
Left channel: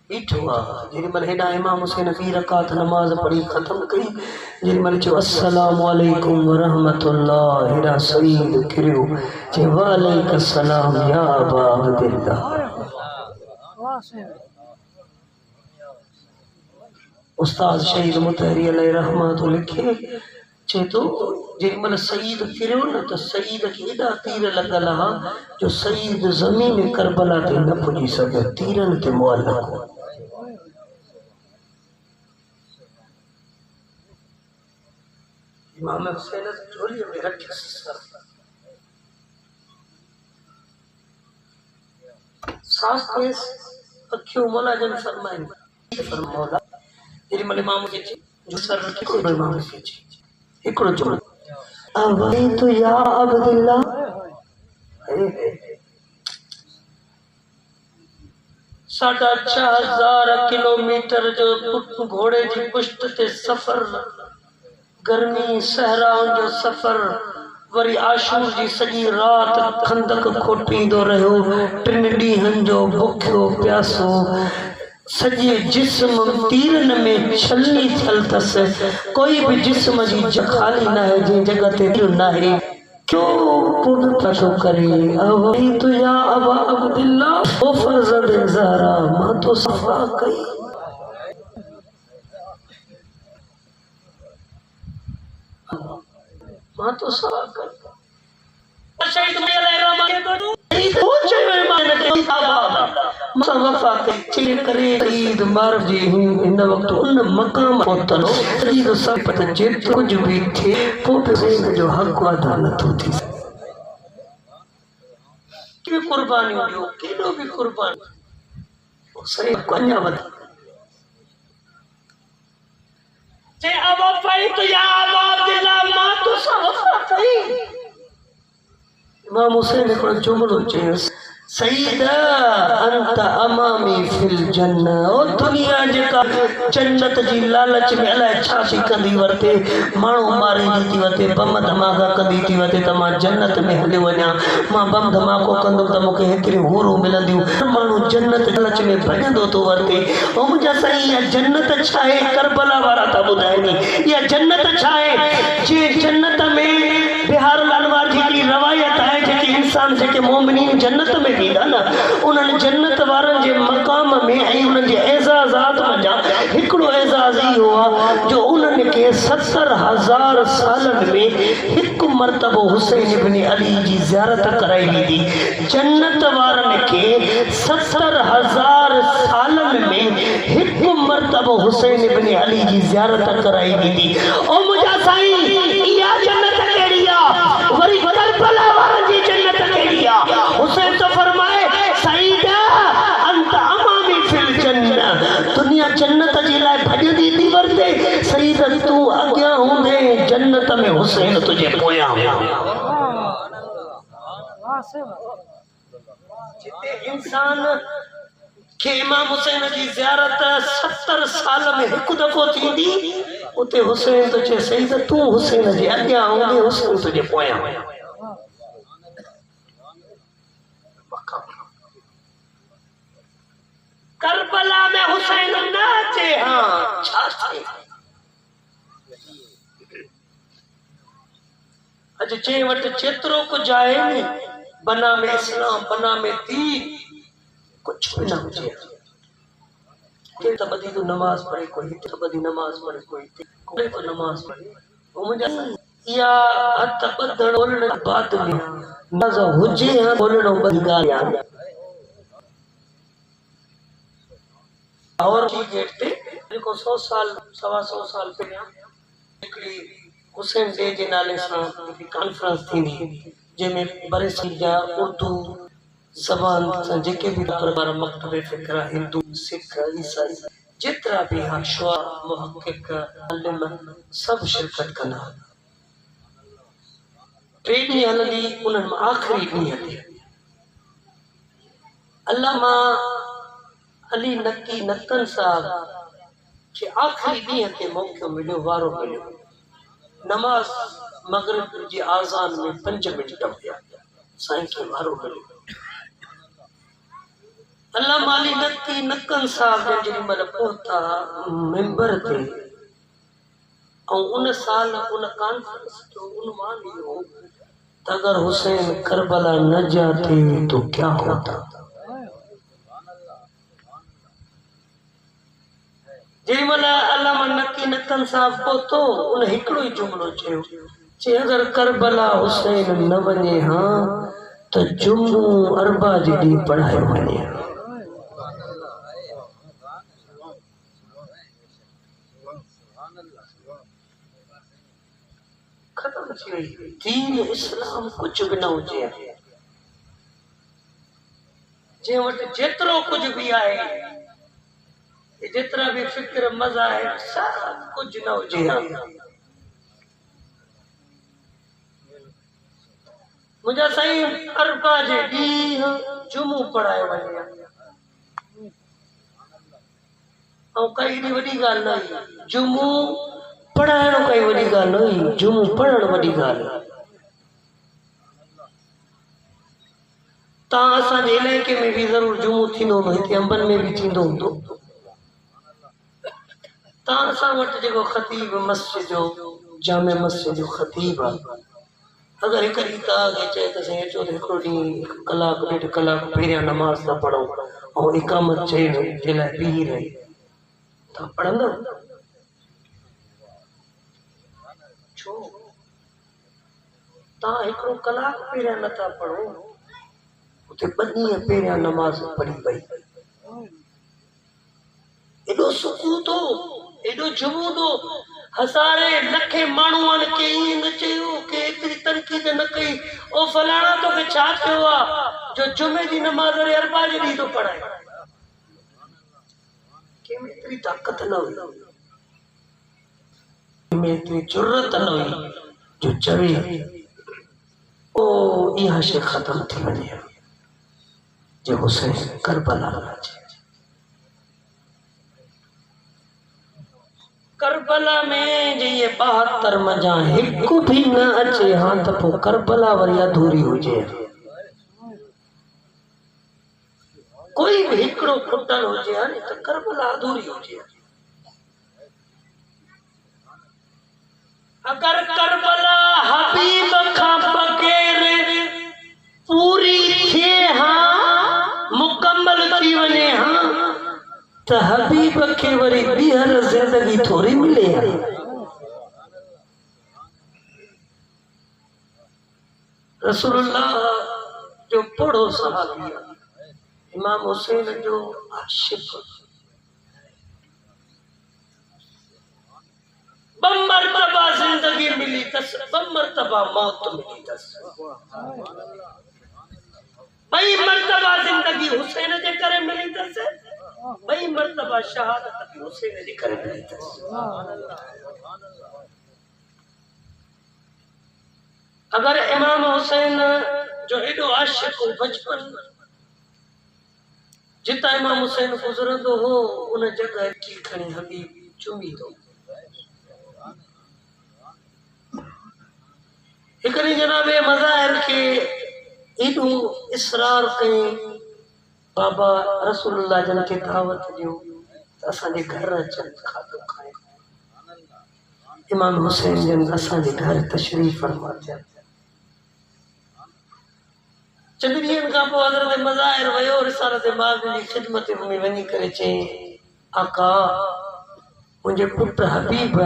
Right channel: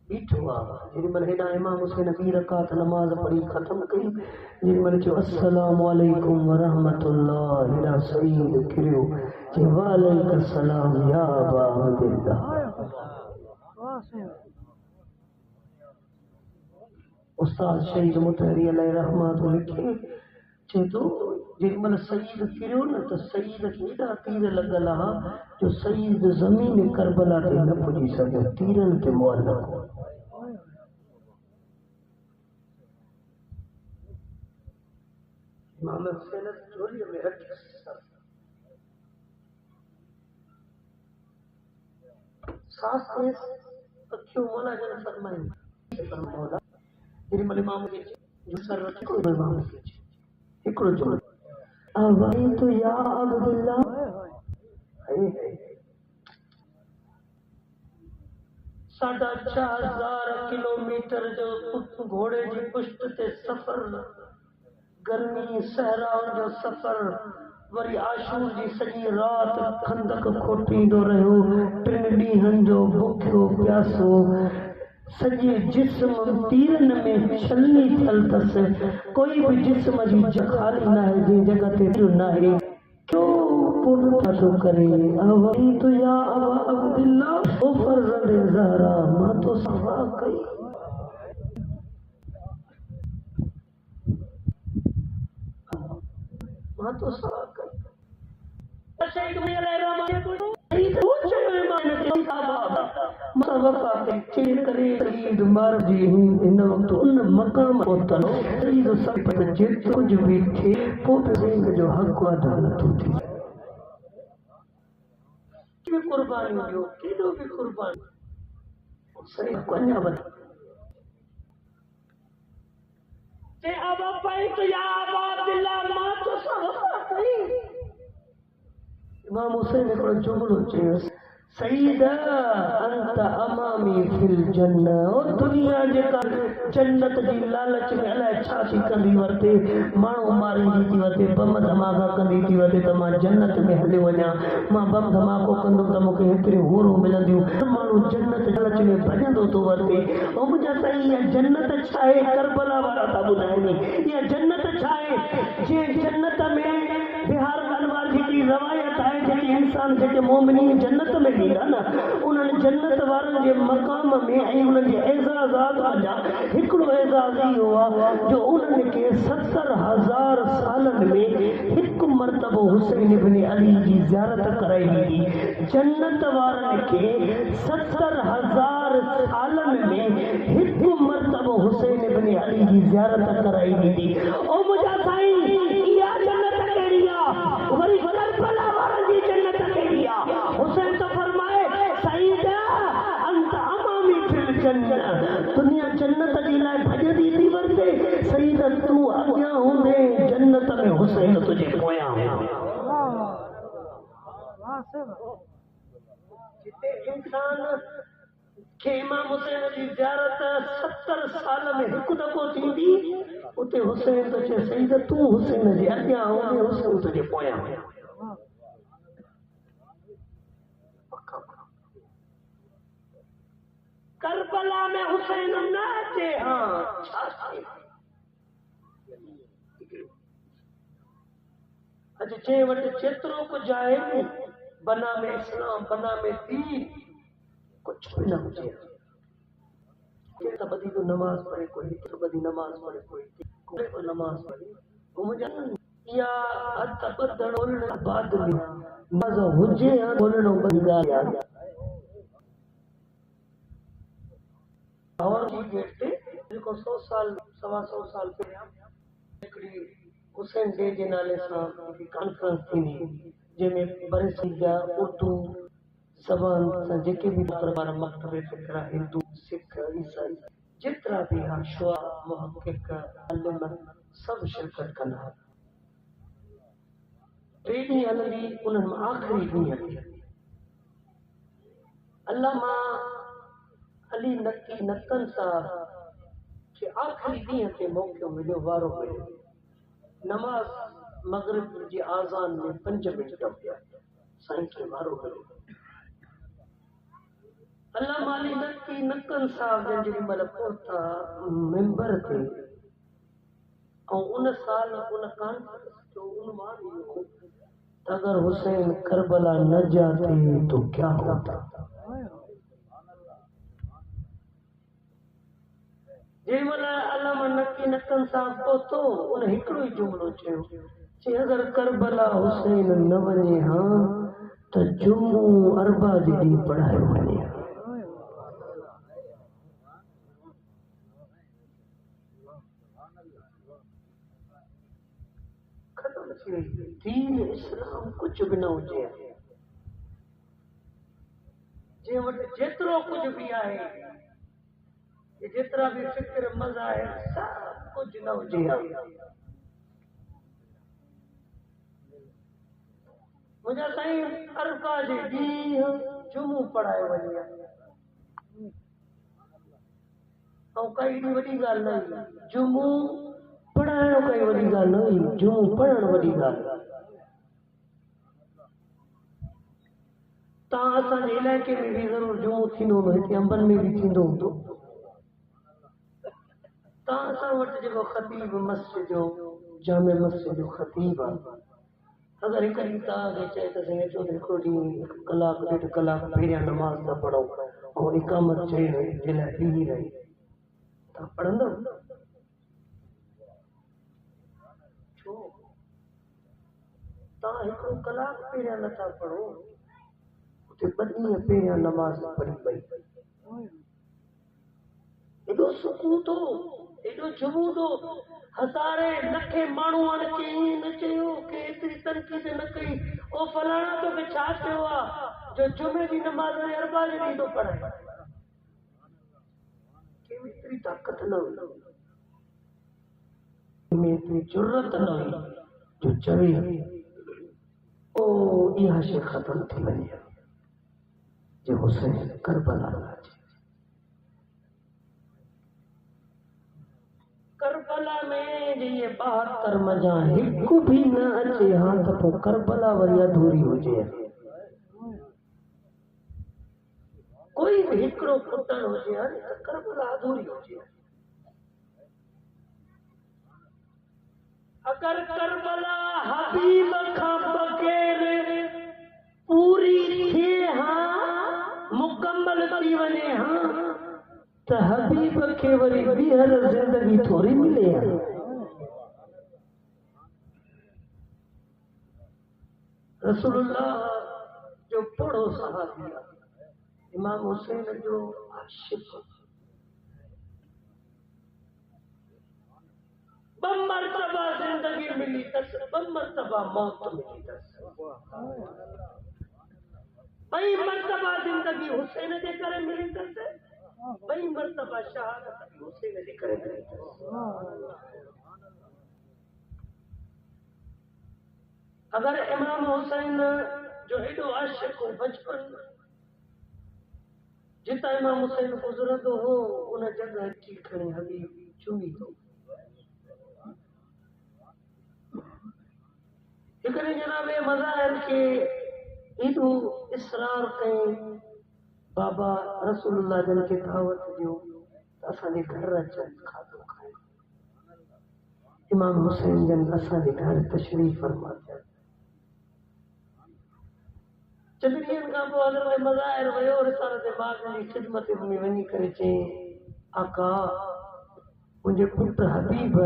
बीठो आहे जेॾीमहिल हेॾा इमाम हुसैन 2 रकात नमाज पढ़ी ख़त्म कई जेॾीमहिल चयो अस्सलामु अलैकुम वरहमतुल्लाह हेॾा सईद किरियो चयो वालेकुम सलाम या अबा अब्दुल्लाह उस्ताद शहीद मुतहरी अलैहि रहमत लिखे चए तो जेॾीमहिल सईद किरियो न त सईद खे एॾा तीर लॻल आहे जो सईद ज़मीन करबला ते न पुॼी सघियो तीरनि ते मुअल्लक़ इमाम हुसैन झोलीअ में रखियसि सांस तेज़ अखियूं मुलाज़म फरमाइनि फरमाओ जेॾीमहिल इमाम खे जो सर रखी कोई इमाम खे हिकिड़ो जुमलो अवई तो या अब्दुल्लाह 4,500 किलोमीटर जो घोड़े जी पुश्त ते सफ़र गर्मी सहराउनि जो सफ़र वरी आशूर जी सॼी रात खंदक खोटींदो रहियो, 3 ॾींहंनि जो बुखियो प्यासो, सॼे जिस्म तीरनि में छलनी थियल अथसि, कोई बि जिस्म जी ख़ाली न आहे जंहिं जॻह ते तीर न आहे। क्यों पूर्ण छो करे अवही तुया अबा अब्दुल्ला ओ फजल ज़हरा, मां तो सफ़ा कई, मां तो सफ़ा कई। शहीद में अलैहिर्रहमान के तो पहुंचे में मान के मुसवफा के चीर करे ईद मार जी इन वक्त उन मकाम पहुंचलो ईद सब पता जेत कुछ भी थे पोइ से जो हक अदा न थो थी कि कुर्बानी ॾियो, केॾो बि कुर्बान सही कन्या वध जे अब पई तो या अब्दुल्ला मां तो सफ़ा कई। इमाम हुसैन हिकिड़ो जुमिलो चयसि, सईदा अंत अमामी फिल जन्नह, ओ दुनिया जेका जन्नत जी लालच में अलाए छा थी कंदी वरते, माण्हू मारींदी थी वरते, बम धमाका कंदी थी वरते त मां जन्नत में हली वञा, मां बम धमाको कंदुमि त मूंखे हेतिरियूं हूरूं मिलंदियूं, माण्हू जन्नत लालच में भॼंदो थो वरते। ऐं मुंहिंजा साईं इहा जन्नत छा आहे, करबला वारा था ॿुधाइनि, इहा जन्नत छा आहे, जीअं जन्नत में बिहार लालवार जी हिकिड़ी रवायत आहे जेके इंसान जेके मोमिनीन जन्नत में वेंदा न, उन्हनि जन्नत वारनि जे मक़ाम में ऐं उन्हनि जे एज़ाज़ात मंझां हिकिड़ो एज़ाज़ इहो आहे जो उन्हनि खे 70,000 सालनि में हिकु मरतबो हुसैन इब्न अली जी ज़ियारत कराई वेंदी। जन्नत वारनि खे 70,000 सालनि में हिकु मरतबो हुसैन इब्न अली जी ज़ियारत कराई वेंदी। ओ मुंहिंजा साईं इहा जन्नत कहिड़ी आहे, वरी करबला वारनि जी जन्नत कहिड़ी आहे। हुसैन तो फरमाए सईदा अंत अमामी फिल जन्नह, दुनिया जन्नत जे लाइ भॼंदी थी वरते, सईदा तूं अॻियां हूंदे जन्नत में हुसैन तुंहिंजे पोयां जिते इंसान के इमाम हुसैन जी ज़ियारत 70 साल में हिकु दफ़ो थींदी, उते हुसैन तो चए सईद तूं हुसैन जे अॻियां हूंदे हुसैन तुंहिंजे पोयां। करबला में हुसैन न अचे, हाँ छा थिए अॼु जे वटि जेतिरो कुझु आहे नी, बना में इस्लाम, बना में दीन, कुछ भी न हुजे, कोई तो बदी तो नमाज पढ़े, कोई तो बदी नमाज पढ़े, कोई तो नमाज पढ़े, वो मुझे या हथ बदड़ बोलने बाद में नज़ हुजे है बोलने बदगा यार और जी गेट पे देखो 100 साल 125 साल पहिरियां हिकिड़ी हुसैन डे जे नाले सां कॉन्फ्रेंस थींदी जंहिंमें बरेसी जा उर्दू ज़बान सां जेके भी दरबार मकतब फ़िक्र हिंदू सिख ईसाई जेतिरा भी शुआ मुहक़िक़ आलिम सभु शिरकत कंदा। 3 ॾींहं हलंदी, उन्हनि मां आख़िरी ॾींहं ते अल्लामा अली नकी नकन साहब खे आख़िरी ॾींहं ते मौक़ो मिलियो, वारो मिलियो। नमाज मगरिब जी आज़ान में 5 मिंट टपिया, साईं खे वारो मिलियो। अल्लामा अली नकी नकन साहब जेॾी महिल पहुता मिंबर ते, ऐं उन साल उन कॉन्फ्रेंस जो उन्वान इहो त अगर हुसैन करबला न जाते तो क्या होता। जंहिं महिल अल्लामा नकी नकन साहब पहुतो, उन हिकिड़ो ई जुमिलो चयो, चई अगर करबला हुसैन न वञे हा त जुमो अरबा जे ॾींहुं पढ़ायो वञे। खत्म थी वई, दीन इस्लाम कुछ भी न हुजे, जे वटि जेतिरो कुछ भी आहे, जेतिरा भी फिक्र मज़ा आहे, सब कुछ न हुजे। मुंहिंजा साईं अरबा जे ॾींहुं जुमो पढ़ायो वञे, ऐं काई एॾी वॾी ॻाल्हि न हुई, जुमो पढ़ाइणो काई वॾी ॻाल्हि न हुई, जुमो पढ़णु वॾी ॻाल्हि। तव्हां असांजे इलाइक़े में बि ज़रूरु जुमो थींदो हूंदो, हिते अंबनि में बि थींदो हूंदो। तव्हां असां वटि जेको ख़तीब मस्जिद जो जामे मस्जिद जो ख़तीब आहे, अगरि हिकु ॾींहुं तव्हांखे चए त साईं अचो त हिकिड़ो ॾींहुं 1 कलाक 1.5 कलाक पहिरियां नमाज़ था पढ़ो ऐं इकामत चए जे लाइ बीही रही, तव्हां पढ़ंदव? छो? तव्हां हिकिड़ो कलाक पहिरियां नथा पढ़ो, उते 2 ॾींहं पहिरियां नमाज़ पढ़ी पई, एॾो सुकून थो, एॾो जुमो थो। हज़ारे लखे माण्हुनि खे ईअं न चयो कि एतिरी तनक़ीद न कई, ओ फलाणा तोखे छा थियो आहे जो जुमे जी नमाज़ वरी अरबा जे ॾींहुं थो पढ़ाए? कंहिंमें एतिरी ताक़त न हुई, कंहिंमें एतिरी जुर्रत न हुई जो चवे ओ इहा शइ ख़तम थी वञे जो हुसैन करबला न अचे। करबला में जे ये 72 मजा हिकु भी न अचे हाँ त पोइ करबला वरी अधूरी हुजे। कोई भी हिकिड़ो खुटल हुजे हां त करबला अधूरी हुजे। अगर करबला हबीब खां बग़ैर पूरी थिए हाँ मुकम्मल थी वञे हाँ त हबीब खे वरी ॿीहर ज़िंदगी थोरी मिले। रसूलुल्लाह जो पढ़ो सहाबी इमाम हुसैन जो आशिक़, 2 मरतबा ज़िंदगी मिली अथसि, 2 मरतबा मौत मिली अथसि। 2 मरतबा ज़िंदगी हुसैन जे करे मिली अथसि, 2 मरतबा शहादत भी हुसैन जे करे मिली अथसि। अगर इमाम हुसैन जो एॾो आशिक़ हो, बचपन जितां इमाम हुसैन गुज़रंदो हो उन जगह की खणी हबीब चुमी दो। हिकु ॾींहुं जनाबे मज़ाहिर खे एॾो इसरार कयईं, बाबा रसूलुल्लाह जन खे दावत ॾियो त असांजे घर अचनि खाधो खाइनि। इमाम हुसैन जन असांजे घर तशरीफ़ फरमा थिया। चंद ॾींहंनि खां पोइ हज़रत मज़ाहिर वियो रिसालत बाग़ जी ख़िदमत में वञी करे चयईं, आका मुंहिंजे पुटु हबीब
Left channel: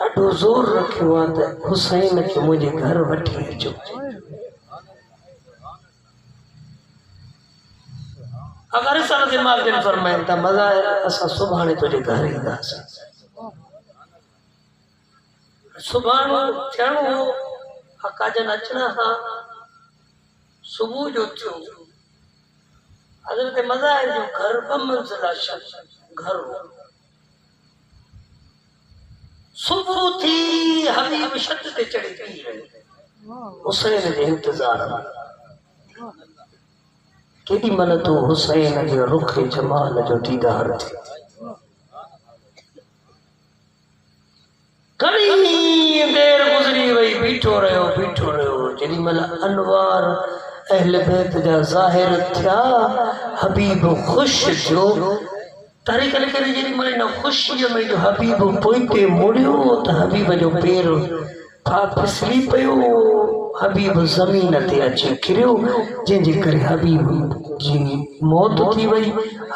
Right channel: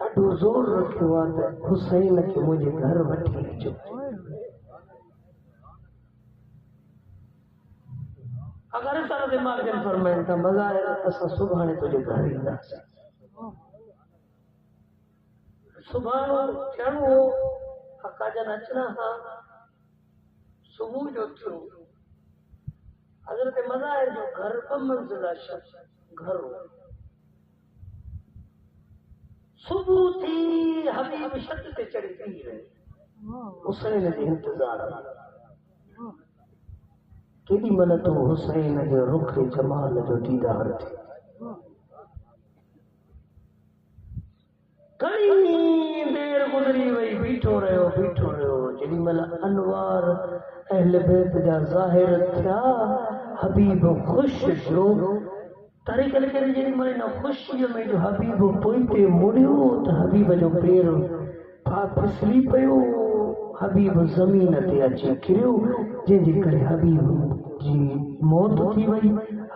ॾाढो ज़ोर रखियो आहे त हुसैन खे मुंहिंजे घर वठी अचो। अगर रिसालत बाग़ जन फरमाइनि था मज़ाहिर असां सुभाणे तुंहिंजे घर ईंदासीं। सुभाणे थियणो हो, आका जन अचणा हा, सुबुह जो थियो। हज़रत मज़ाहिर जो घर 2 मंज़िला घर हो। सुबुह थी हबीब छत ते चढ़ी पी रहियो हुसैन जे इंतज़ार में। केॾी महिल तो हुसैन जे रुख जमाल जो दीदार थियो। घणी देर गुज़री वई, बीठो रहियो। जेॾी महिल अनवार अहल बैत जा ज़ाहिर थिया, हबीब ख़ुशि थियो। तारीख़ लिखे जेॾी महिल इन ख़ुशीअ में जो हबीब पोइते मुड़ियो त हबीब जो पेर फिसली पियो, हबीब ज़मीन ते अची किरियो, जंहिंजे करे हबीब जी मौत थी वई।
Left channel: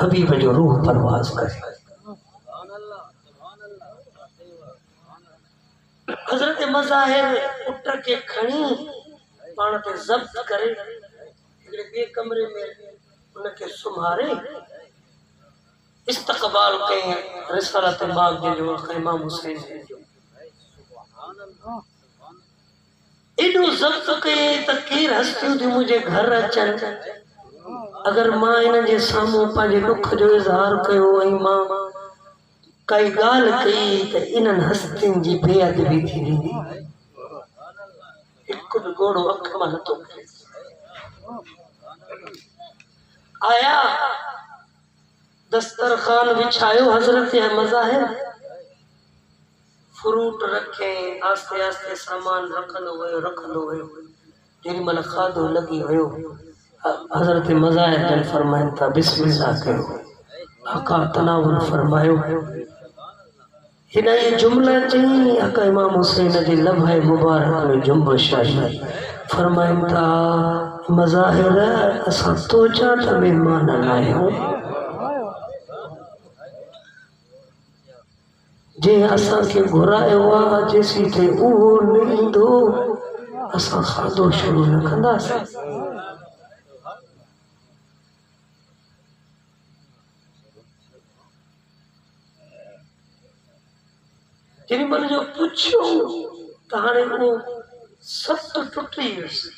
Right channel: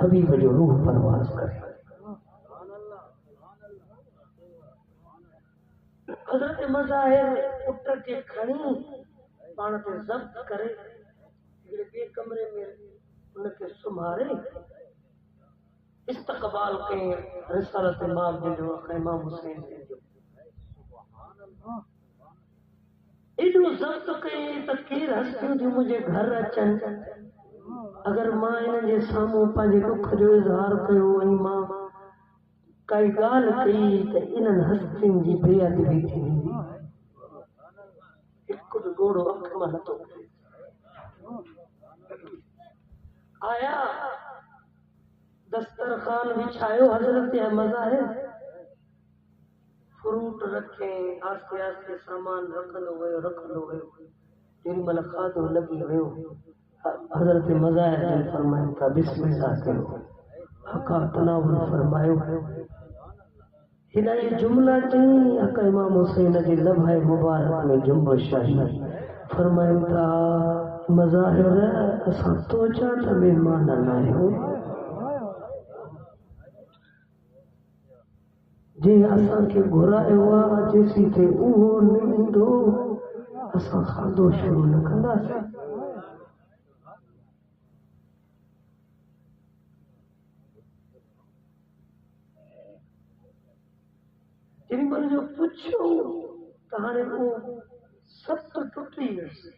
हबीब जो रूह परवाज़ करे। हज़रत मज़ाहिर पुट खे खणी पाण ते ज़ब्त करे हिकिड़े ॿिए कमरे में उनखे सुम्हारे इस्तक़बाल कई रिसालत बाग़ जो इमाम हुसैन जो। एॾो ज़ब्त कई त केरु हस्तियूं थियूं मुंहिंजे घर अचनि। अगर मां इन्हनि जे साम्हूं पंहिंजे दुख जो इज़हार कयो ऐं मां काई ॻाल्हि कई त इन्हनि हस्तियुनि जी बेअदबी थी वेंदी। हिकु बि घोड़ो अख मां नथो आया, दस्तरखान बिछायो, हज़रत मज़ाहिर फ्रूट रखे, आस्ते आस्ते सामान रखंदो वियो। जेॾी महिल खाधो लॻी वियो हजरत मज़ाहिर जन फरमाइन था बिस्मिल्लाह कयो आका तनावुल फरमायो हिन ये जुमला चई आका इमाम हुसैन जे लम्हे मुबारक में जुम्बश आई फरमाइन था मज़ाहिर असां तो चा त मेहमान न आहियूं जे असांखे घुरायो आहे जेसी ते उहो न ईंदो असां खाधो शुरू न कंदासीं जेॾी महिल जो पुछियो त हाणे उहो सत टुटी वियुसि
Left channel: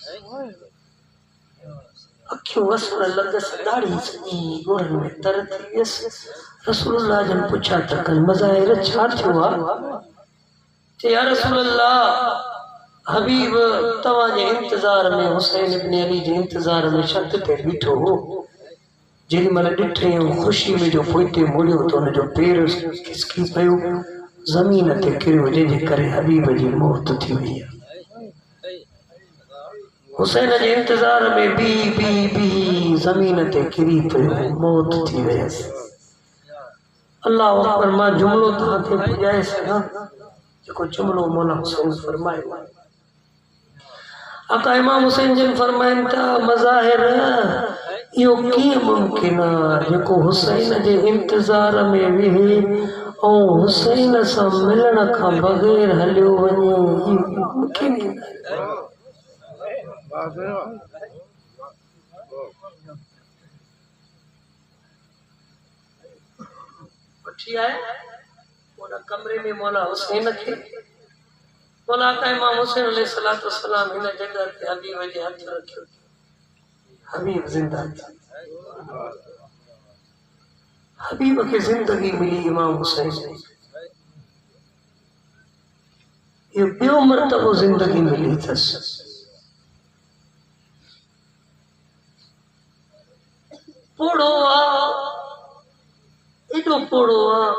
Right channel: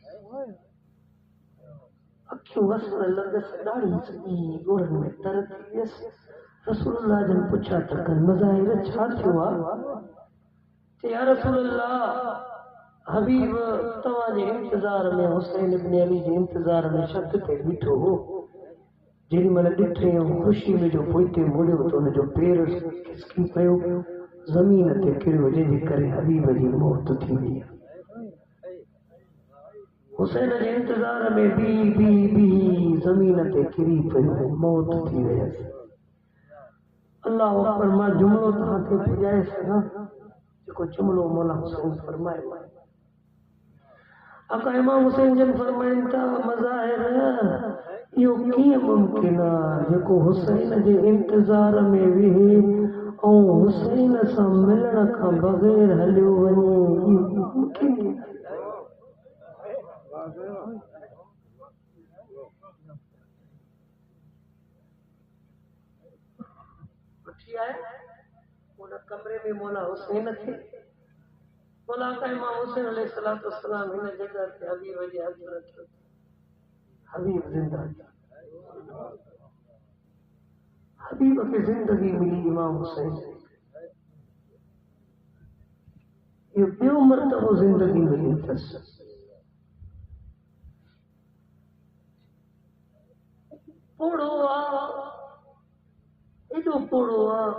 अखियूं वसण लॻसि ॾाढी सॼी ॻोड़नि में तर थी वियसि रसूलुल्लाह जन पुछा त कनि मज़ाहिर छा थियो आहे चई या रसूलुल्लाह हबीब तव्हांजे इंतज़ार में हुसैन इब्न अली जे इंतज़ार में छत ते बीठो हो जेॾी महिल ॾिठईं ख़ुशी में जो पोइते मुड़ियो त हुनजो पेर खिसकी पियो ज़मीन ते किरियो जंहिंजे करे हबीब जी मौत थी वई हुसैन जे इंतज़ार में बी ज़मीन ते किरी पियो मौत थी वयसि अल्लाह अकबर मां जुमिलो तव्हांखे ॿुधाए सघां जेको जुमिलो मौला हुसैन फरमायो आका इमाम हुसैन जन फरमाइनि था मज़ाहिर इहो कीअं मुमकिन आहे जेको हुसैन जे इंतज़ार में वेहे ऐं हुसैन सां मिलण खां बग़ैर हलियो वञे इहो मुमकिन ई न वठी आए उन कमरे में मौला हुसैन खे मौला आका इमाम हुसैन अलैहिस्सलातु वस्सलाम हिन जॻह ते हबीब जे हथ रखियो हबीब ज़िंदा थी हबीब खे ज़िंदगी मिली इमाम हुसैन इहो ॿियो मरतबो ज़िंदगी मिली अथसि पोड़ो आहे एॾो पोड़ो आहे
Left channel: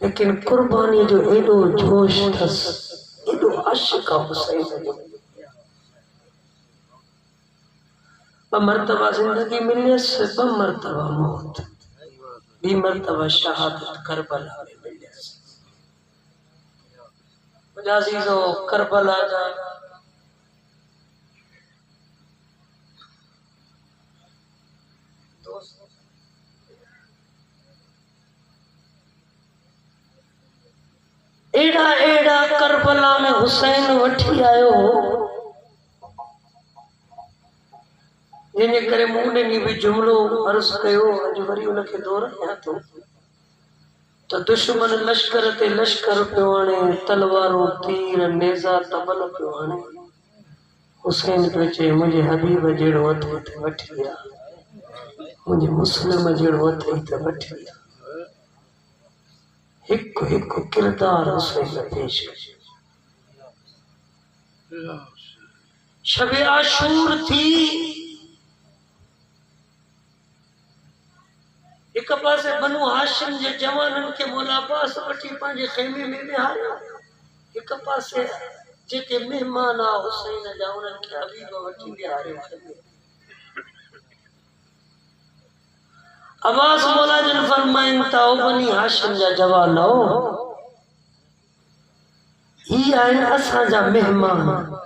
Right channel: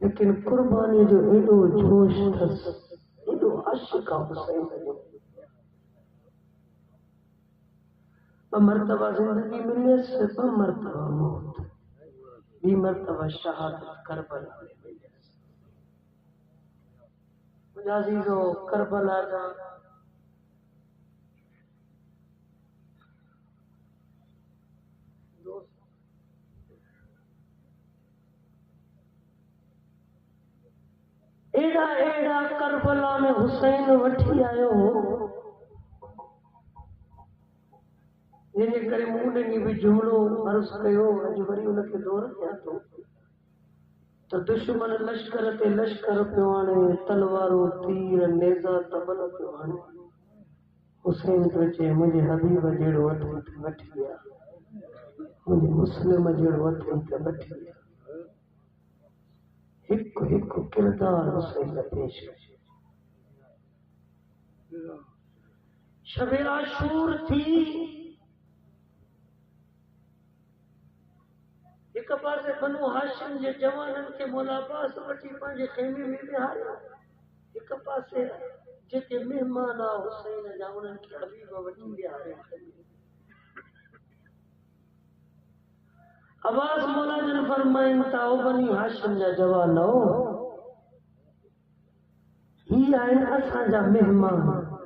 लेकिन कुर्बानी जो एॾो जोश अथसि एॾो आशिक़ आहे हुसैन जो ॿ मरतबा ज़िंदगी मिलियसि ॿ मरतबा मौत ॿी मरतबा शहादत करबला में मिलियसि मुंहिंजा अज़ीज़ो करबला जा एड़ा एड़ा करबला में हुसैन वठी आयो जिन करे मूं ॾिनी बि जुमिलो अर्ज़ कयो अॼु वरी उनखे दोहरायां थो त दुश्मन लश्कर ते लश्कर पियो आणे तलवारूं तीर नेज़ा तबल पियो आणे हुसैन पियो चए मुंहिंजे हबीब जहिड़ो अथई त वठी आ मुंहिंजे मुस्लिम जहिड़ो अथई त वठी आ हिकु हिकु किरदार हुसैन पेश कयो शबे आशूर थी हिक पासे बनु हाशिम जे जवाननि खे मौला अब्बास वठी पंहिंजे ख़ैमे में विहारियो हिक पासे जेके महिमान आ हुसैन जा उन्हनि खे हबीब वठी विहारियो अब्बास मौला जन फरमाइनि था ओ बनी हाशिम जा जवान ही आहिनि असांजा महिमान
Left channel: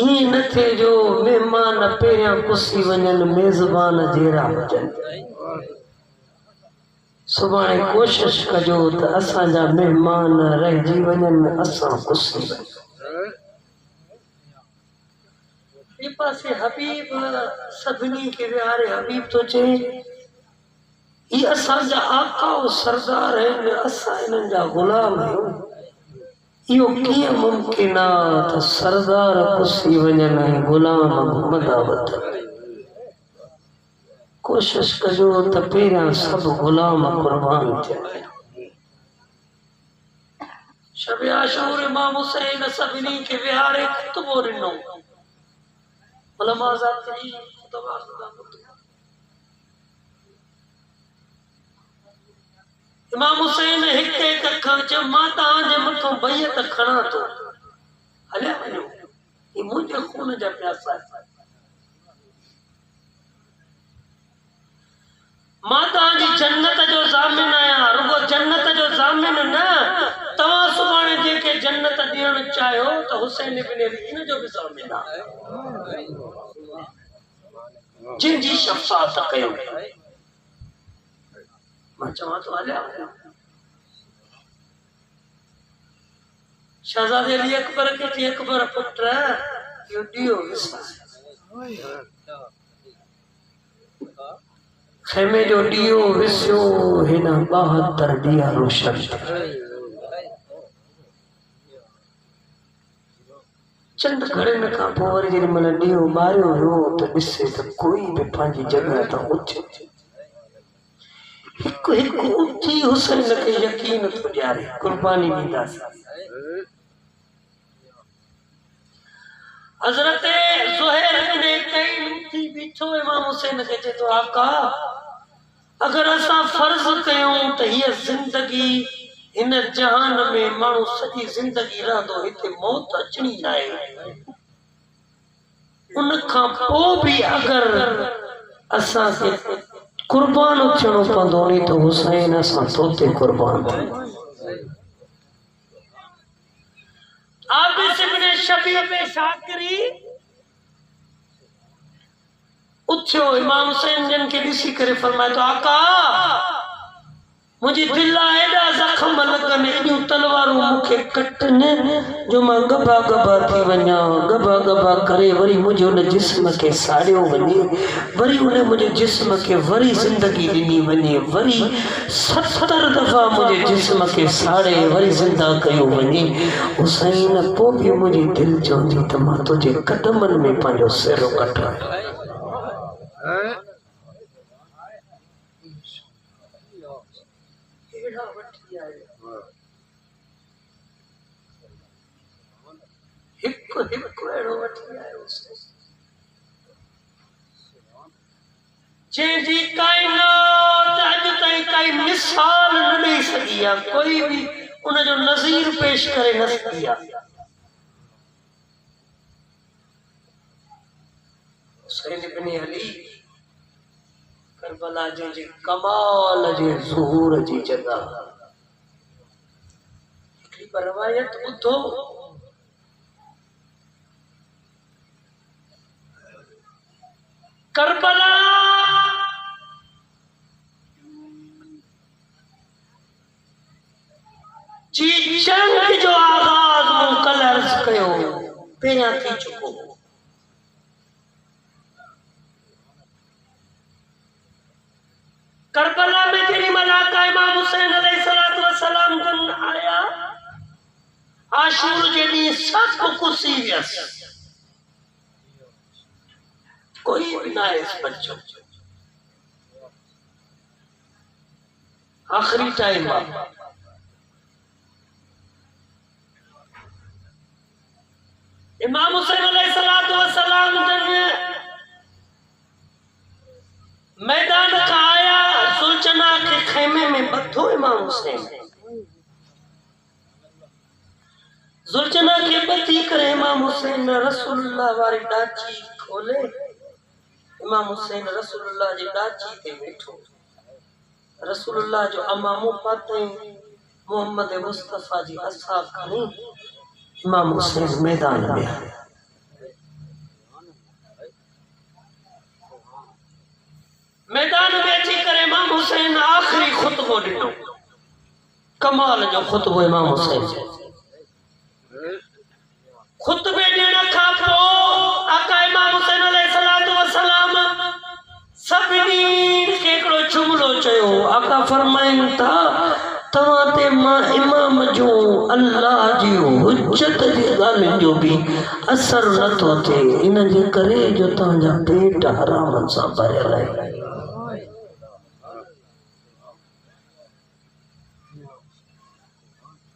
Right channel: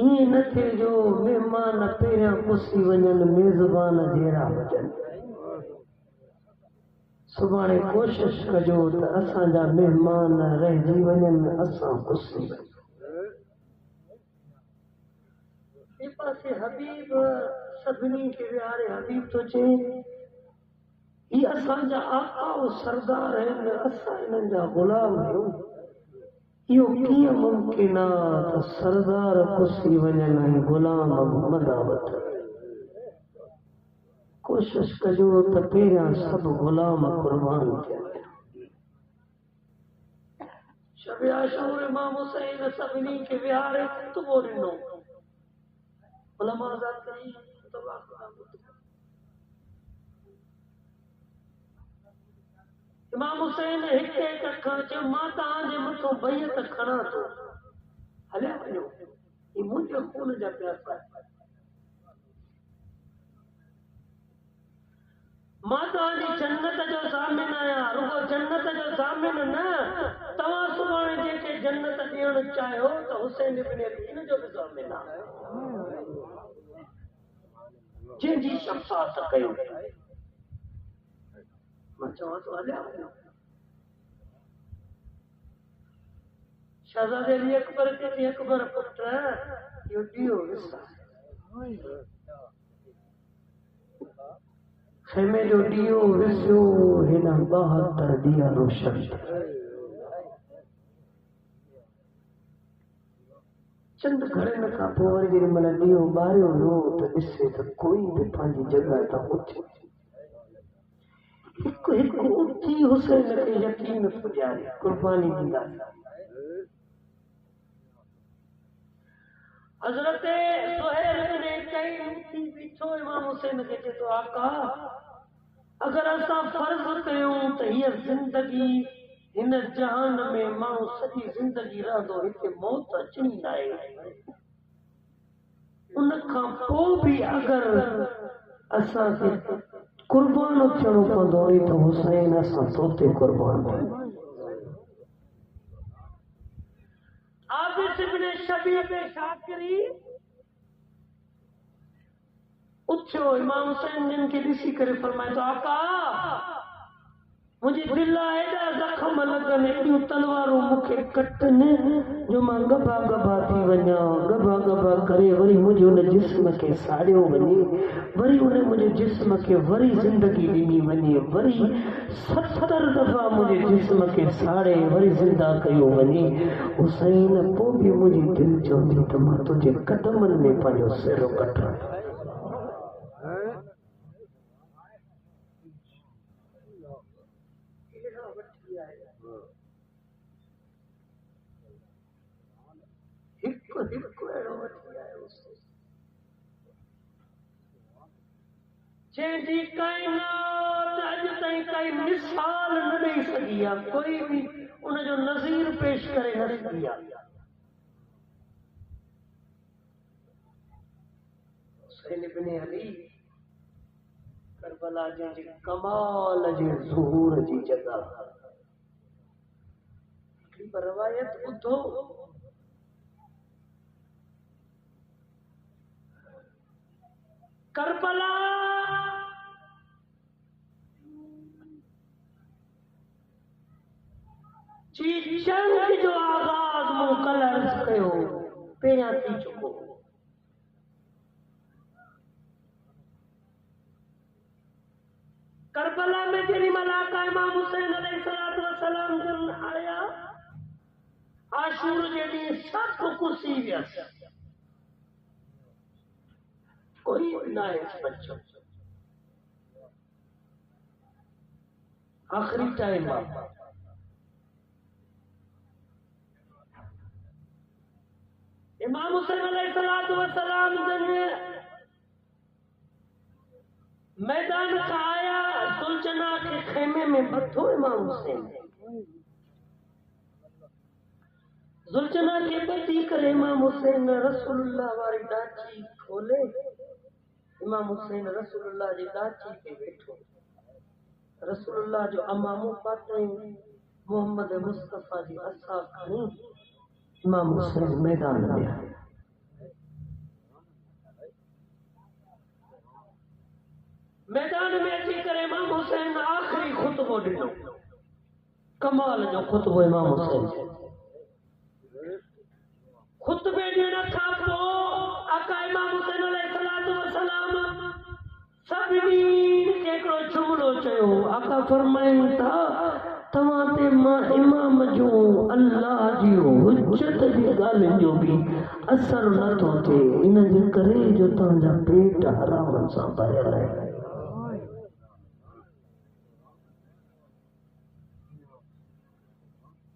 ईअं न थिए जो महिमान पहिरियां पुसी वञनि मेज़बान जहिड़ा हुजनि सुभाणे कोशिश कजो त असांजा महिमान रहिजी वञनि असां पुसी वञूं ॿिए पासे हबीब सभिनी खे विहारे हबीब तो चए ही असांजा आका और सरदार आहिनि असां हिननि जा ग़ुलाम आहियूं इहो कीअं मुमकिन आहे त सरदार पुसी वञनि ऐं ग़ुलाम घुमंदा वठनि कोशिश कजो त पहिरियां सभु ग़ुलाम क़ुर्बान थियनि शब आशूर इमाम हुसैन सभिनी खे विहारे खुतबो ॾिनो उलमा ज़ाकरी खुतबा इमाम हुसैन हिक हिक अखर चयो मां तव्हांजे मथां बैत खणा थो हलिया वञो, ये मुंहिंजे खून जा प्यासा आहिनि। मां तव्हांजी जन्नत जो ज़ामिन आहियां, रुगो जन्नत जो ज़ामिन न, तव्हां सुभाणे जेके जन्नत ॾियणु चाहियो त हुसैन इब्न अली इन जो बि ज़ामिन आहे, जिन जी शफ़ाअत कयो। मां चवां थो हलिया वञो। शहज़ादे अली अकबर खे चई, अकबर पुट इहो ॾियो विसार, खेमे जो ॾियो विसियो हिन 72 ॾींहं रोशन थिया। चंद घड़ियुनि खां पोइ वरी जेॾी महिल ॾीओ ॿारियो वियो त ॾिसे त कोई बि पंहिंजी जॻह तां उथे हिकु हिकु उथी हुसैन खे यकीन थो ॾियारे, कुर्बानी ॾींदासीं। हज़रत ज़ुहैर इब्न तैन उथी बीठो इमाम हुसैन खे चए थो, आका अगर असां फर्ज़ कयूं त हीअ ज़िंदगी हिन जहान में माण्हू सॼी ज़िंदगी रहंदो, हिते मौत अचणी न आहे, उन खां पोइ बि अगर असांखे कुर्बान थियणो पवंदो नी त हुसैन असां तोते कुर्बान थियूं। आबिस इब्न शबीब शाकिरी उथियो, इमाम हुसैन जन खे ॾिसी करे फरमाए थो, आका मुझे दिल एडा जख्म लगन, एडियूं तलवारूं मूंखे कटनि जो मां गबा गबा थी वञा, गबा गबा करे वरी मुझे उन जिस्म खे साड़ियो वञे, वरी उन मुझे जिस्म खे वरी जिंदगी ॾिनी वञे, वरी 70 दफ़ा मुझे जिस्म खे साड़े वरी जिंदा कयो वञे। हुसैन पोइ बि मुंहिंजी दिलि चवंदी त मां तुंहिंजे कदमनि में पंहिंजो सिरो कटायां। हिकु हिकु अहिड़ो वठी आयो जंहिंजी काइनात अॼु ताईं काई मिसाल न ॾेई सघी आहे, कोई बि उनजो नज़ीर पेश करे न सघी आहे। हुसैन इब्न अली करबला जे कमाल जे ज़ुहूर जी जॻह, हिकिड़ी रवायत ॿुधो, करबला जी जंग जो आगाज़ मूं कल अर्ज़ कयो पहिरियां थी चुको। करबला में जेॾी महिल आका इमाम हुसैन अलैहिस्सलातु वस्सलाम जन आया, आशूर जे ॾींहुं सभु कुसी वियसि, कोई भी ना है बच्चों। आखिरी टाइम इमाम हुसैन अलैहिस्सलातु वस्सलाम जन मैदान का आया, सुलचना के खेमे में बथो इमाम हुसैन, सुलचना के बथी करे इमाम हुसैन रसूलुल्लाह वारी डाची खोले, इमाम हुसैन रसूलुल्लाह जी डाची ते बैठो, रसूलुल्लाह जो अमामो पाते मोहम्मद मुस्तफा जी असाब खणी इमाम हुसैन मैदान में आया। मैदान में अची करे इमाम हुसैन आखिरी खुतबो ॾिनो, कमाल जो खुतबो इमाम हुसैन खुतबे ॾियण खां पोइ आका इमाम हुसैन अलैहिस्सलातु वस्सलाम सभिनी खे हिकिड़ो जुमिलो चयो। आका फरमाइनि था, तव्हां ते मां इमाम जो अल्लाह जी हुज्जत जी ॻाल्हियुनि जो बि असर नथो थिए, इन जे करे जो तव्हांजा पेट हराम सां भरियल आहिनि।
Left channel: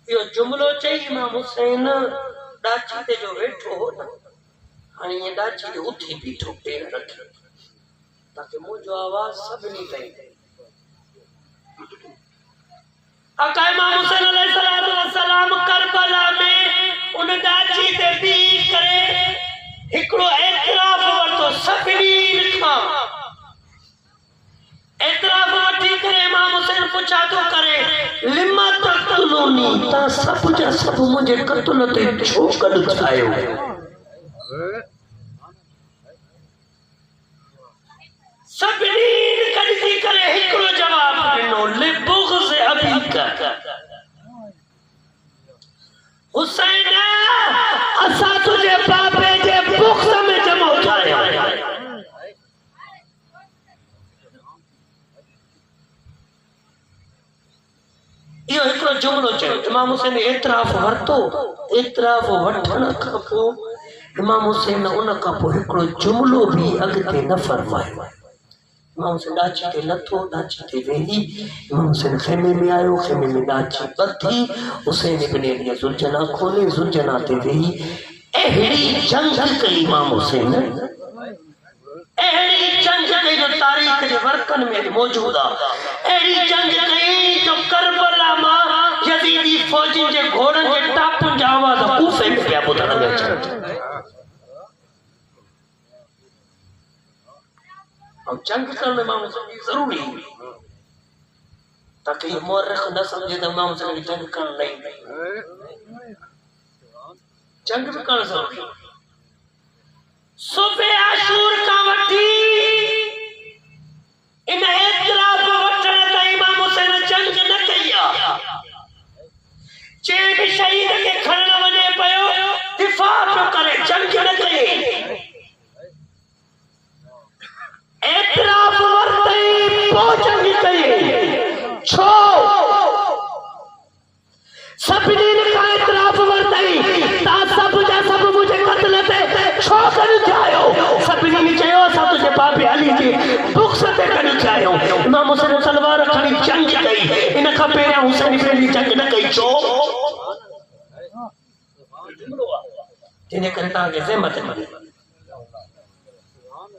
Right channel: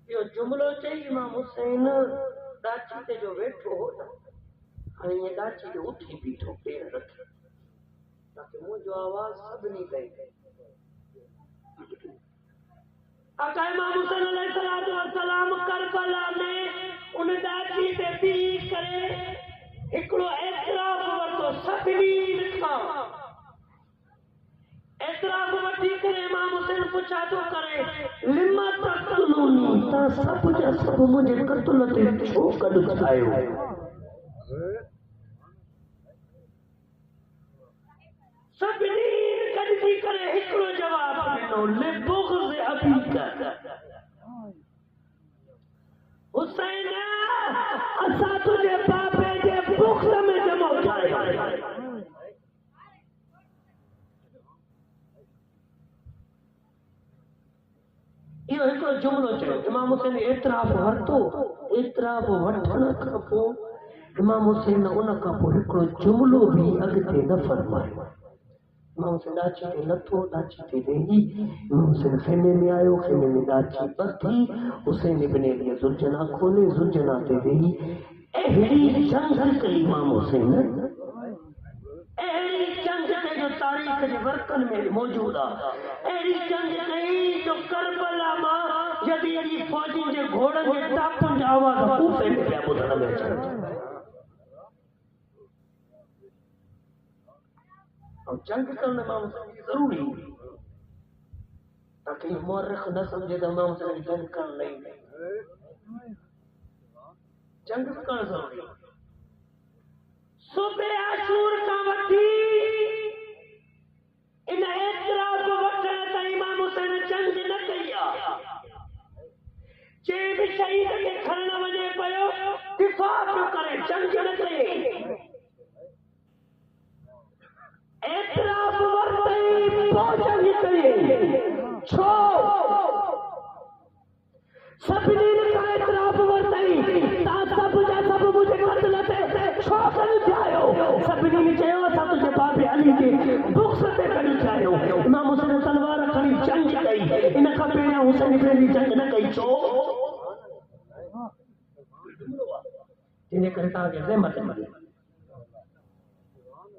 इहो जुमिलो चई इमाम हुसैन डाची ते जो वेठो हो न, हाणे ये डाची ते उथी बीठो पेर रखी ताकि मुंहिंजो आवाज़ सभिनी ताईं। आका इमाम हुसैन अलैहिस्सलातु वस्सलाम करबला में उन डाची ते पुछा तो करे लिमा तक़तुलूनी ता सब जा सब मुझे कत्ल ते छो कढ छायो सभिनी कढी करे हिकिड़ो जवाब ॾिनो लिबुग़्ज़ अबीका हुसैन असां तुझे बाबे जे बुग़्ज़ में जमो ठाहिया इहो हिकिड़ो जुमिलो चयो इमाम हुसैन एतिराफ़ वरितो एतिराफ़ वठण खां पोइ इमाम हुसैन उन खां पोइ हिकिड़ो जुमिलो बि अॻिते न फरमायो इमाम हुसैन ॾाची ते लथो ॾाची ते वेही इमाम हुसैन खेमे में आयो खेमे में ॾाची ॿधी हुसैन इब्न अली ज़ुलजना खोले ज़ुलजना ते वेही अहिड़ी जंग कई इमाम हुसैन अहिड़ी जंग कई जो तारीख़ जे वर्कनि में मौजूद आहे अहिड़ी जंग कई जो करबला मां यज़ीदी फ़ौजी जे घोड़नि जे टापुनि जा आवाज़ कूफ़े में पिया ॿुधण में अचनि और जंग करण में माण्हू ज़रूरी ताकि ये मुअर्रिख़ न समझे तो माण्हू जंग करण नहीं जंग भी करण ज़रूरी सुबह आशूर का वठी इन एतिराफ़ वठण ताईं इमाम हुसैन जंग न कई आहे जे भी शहीद के खणण वञे पियो दिफ़ा पियो करे जंग न कई एतिराफ़ वरितई पोइ जंग कई छो सभिनी खां एतिराफ़ वरितई ता सब जा सब मुझे क़त्ल ते छो कढ चाहियो सभिनी चयो असां तुंहिंजे बाबे अली जे बुग़्ज़ ते कढ चाहियो इमाम हुसैन तलवार खणी जंग कई इन खां पहिरियां हुसैन इब्न अली जंग न कई छो जिन करे तव्हांखे ज़हमत मिले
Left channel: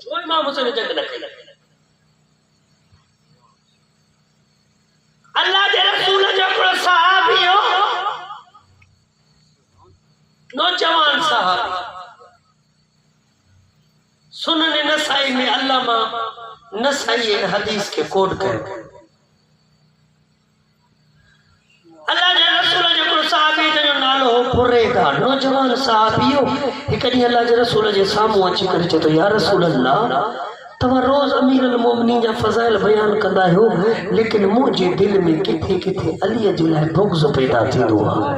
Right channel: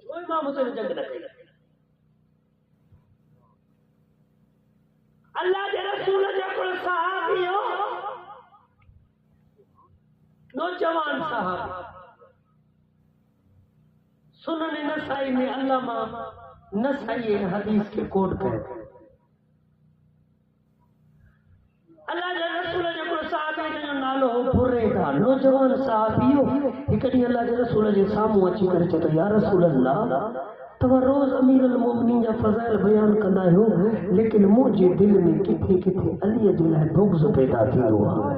छो इमाम हुसैन जंग न कई अल्लाह के रसूल जो हिकिड़ो सहाबी हो नौजवान साहब सुनन नसाई में अल्लामा नसाई इन हदीस के कोड कयो अल्लाह जे रसूल जो हिकिड़ो सहाबी जो नालो हो बुरैदा नौजवान सहाबी हो हिकु ॾींहुं अल्लाह जे रसूल जे साम्हूं अची करे चयो या रसूल अल्लाह तव्हां रोज़ अमीर अल मोमिनीन जा फ़ज़ाइल बयान कंदा आहियो लेकिन मुंहिंजे दिलि में किथे किथे अलीअ जे लाइ बुग़्ज़ पैदा थींदो आहे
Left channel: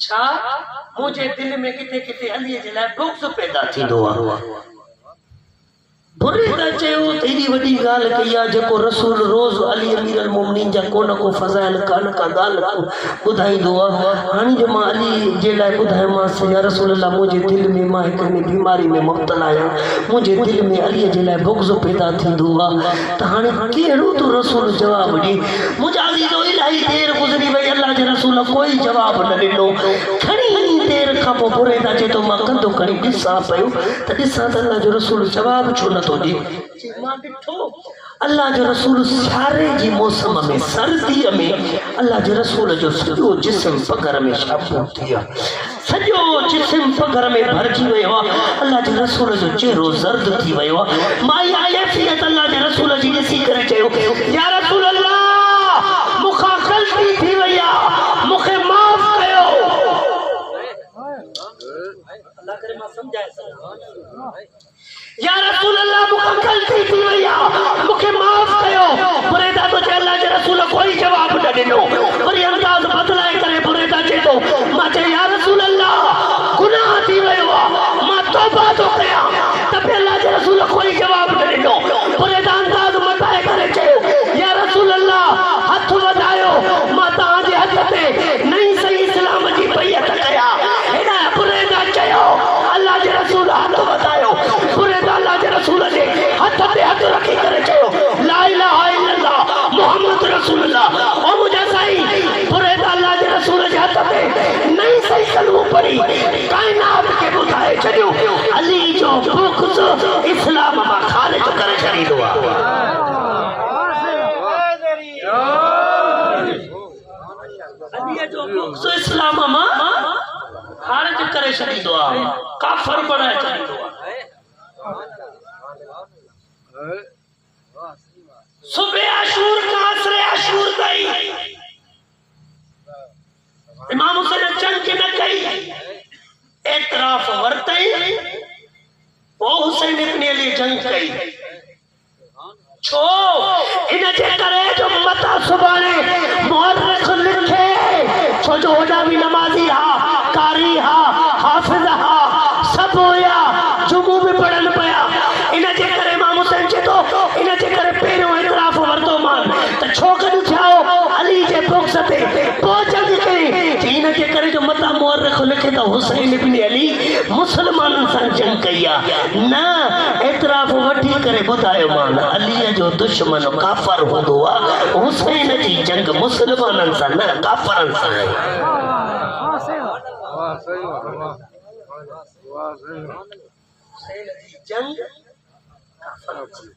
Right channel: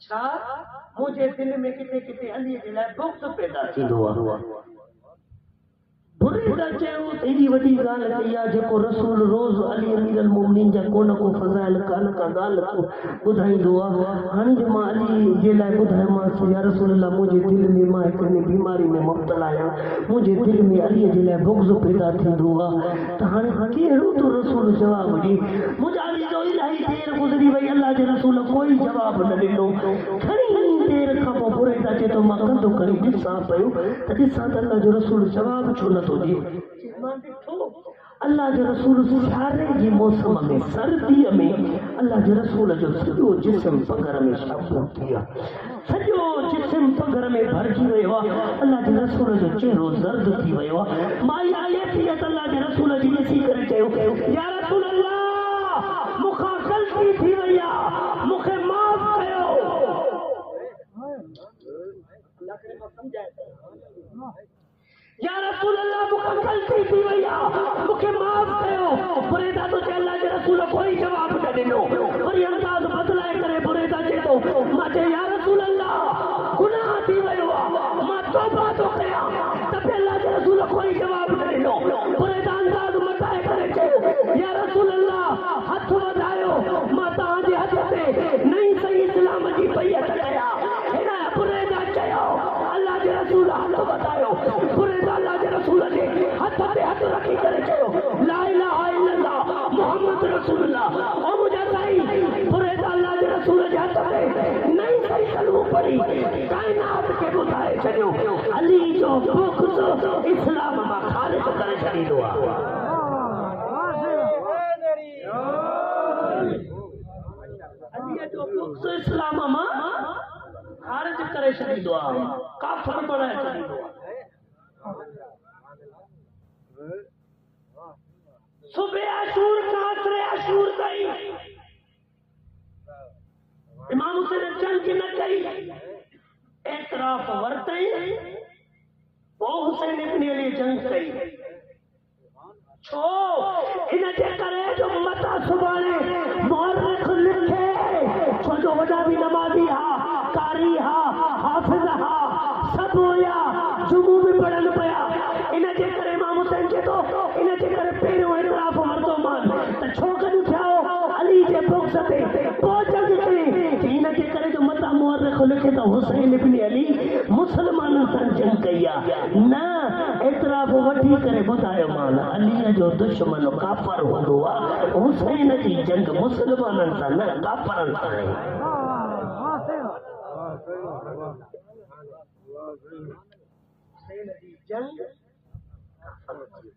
छा मुझे दिल में किथे किथे अलीअ जे लाइ बुग़्ज़ पैदा थींदो आहे बुरैदा चयो त एॾी वॾी ॻाल्हि कई आहे जेको रसूल रोज़ अली अमीर अल मोमिनीन जा को न को फ़ज़ाइल का न का ॻाल्हि ॿुधाईंदो आहे हाणे जो मां अली जे लाइ ॿुधायोमांसि या रसूल अल्लाह मुंहिंजे दिलि में मां हिकु बीमारी में मुब्तला आहियां मुंहिंजे दिलि में अलीअ जे लाइ बुग़्ज़ पैदा थींदो आहे त हाणे कहिड़ो तो रसूल जवाबु ॾे मुंहिंजा अज़ीज़ो इलाही देरि गुज़री वई अल्लाह जे रसूल कोई जवाबु न ॾिनो खणी देरि खां पोइ बुरैदा चए थो मां कंधो खणी ॾिसां पियो त ॾिसां त अल्लाह जो रसूल जवाबु छो नथो ॾे मां ॾिठो अल्लाह जो रसूल सियारे जी मौसम में सर्दीअ में अल्लाह जे रसूल जो सॼो जिस्म पगर में शाबू थी वियो सॼो जिस्म पगर में भरिजी वियो आहे अल्लाह जे रसूल जो चेहरो ज़र्द थी वियो आहे मां इहा कैफ़ियत अल्लाह जे रसूल जी ॾिसी करे चयो या रसूल अल्लाह मूंखां ग़लती थी वई आहे मूंखे माफ़ कयो अल्लाह करे मां सम्झाए या रसूल अल्लाह मूंखां ग़लती थी वई आहे मूंखे माफ़ कयो बुरैदा तो चए अल्लाह जे रसूल कोई जवाबु न ॾिनो वरी अंदाज़ बदलाए करे बुरैदा चए थो मां चयो या रसूल अल्लाह गुनाह थी वियो आहे मां तौबा थो कयां त बि अल्लाह जे रसूल कोई जवाबु न ॾिनो बुरैदा अंदाज़ मटाए करे चयो या रसूल अल्लाह हथ वधायो मां तव्हांजे हथ ते नई सही इस्लाम जी बैत कयां हिन बुरैदा चयो अल्लाह जे रसूल हथ वधायो अल्लाह के रसूल ने हथ पे हथ रखी करे चयो ला इलाहा इल्लल्लाह मोहम्मद रसूलुल्लाह ओ मुझे सही बुरैदा अल्लाह के रसूल जे हथ पे नहीं सही कलमो पढ़ी कायनात के बुधाए छड़ियो अली जो बुग़्ज़ इस्लाम मां खारिज करे छड़ींदो आहे अली जो बुग़्ज़ इस्लाम मां खारिज करे छड़ींदो आहे काफ़िर बणाए छड़ींदो आहे सुबह आशूर का असर आशूर ताईं इमाम हुसैन जंग के न कई एतराफ वरतई वो हुसैन इब्न अली जंग कई छो इन जे करे जो मता सुबाने मुअर्रिख लिखे छो जो होदा भी नमाजी हा कारी हा हाफिज हा सब होया जुमू भी पढ़न पया इन जे करे इमाम हुसैन जे तो इन जे करे पहिरियों एतराफ वरतो मान त छोकन थियाओ अली जे बुक्स ते पहुंचन के इन जे करे जो मता मुअर्रिख लिखे त हुसैन इब्न अली मुसलमानन सां जंग कया ना एतराफ वठी करे बुधायो मान अली जो दुश्मन काफर होदो आ हुसैन जी जंग मुसलमानन सां न काफरन सां वाह सही वाह सही वाह सही हुसैन जी जंग काफरन सां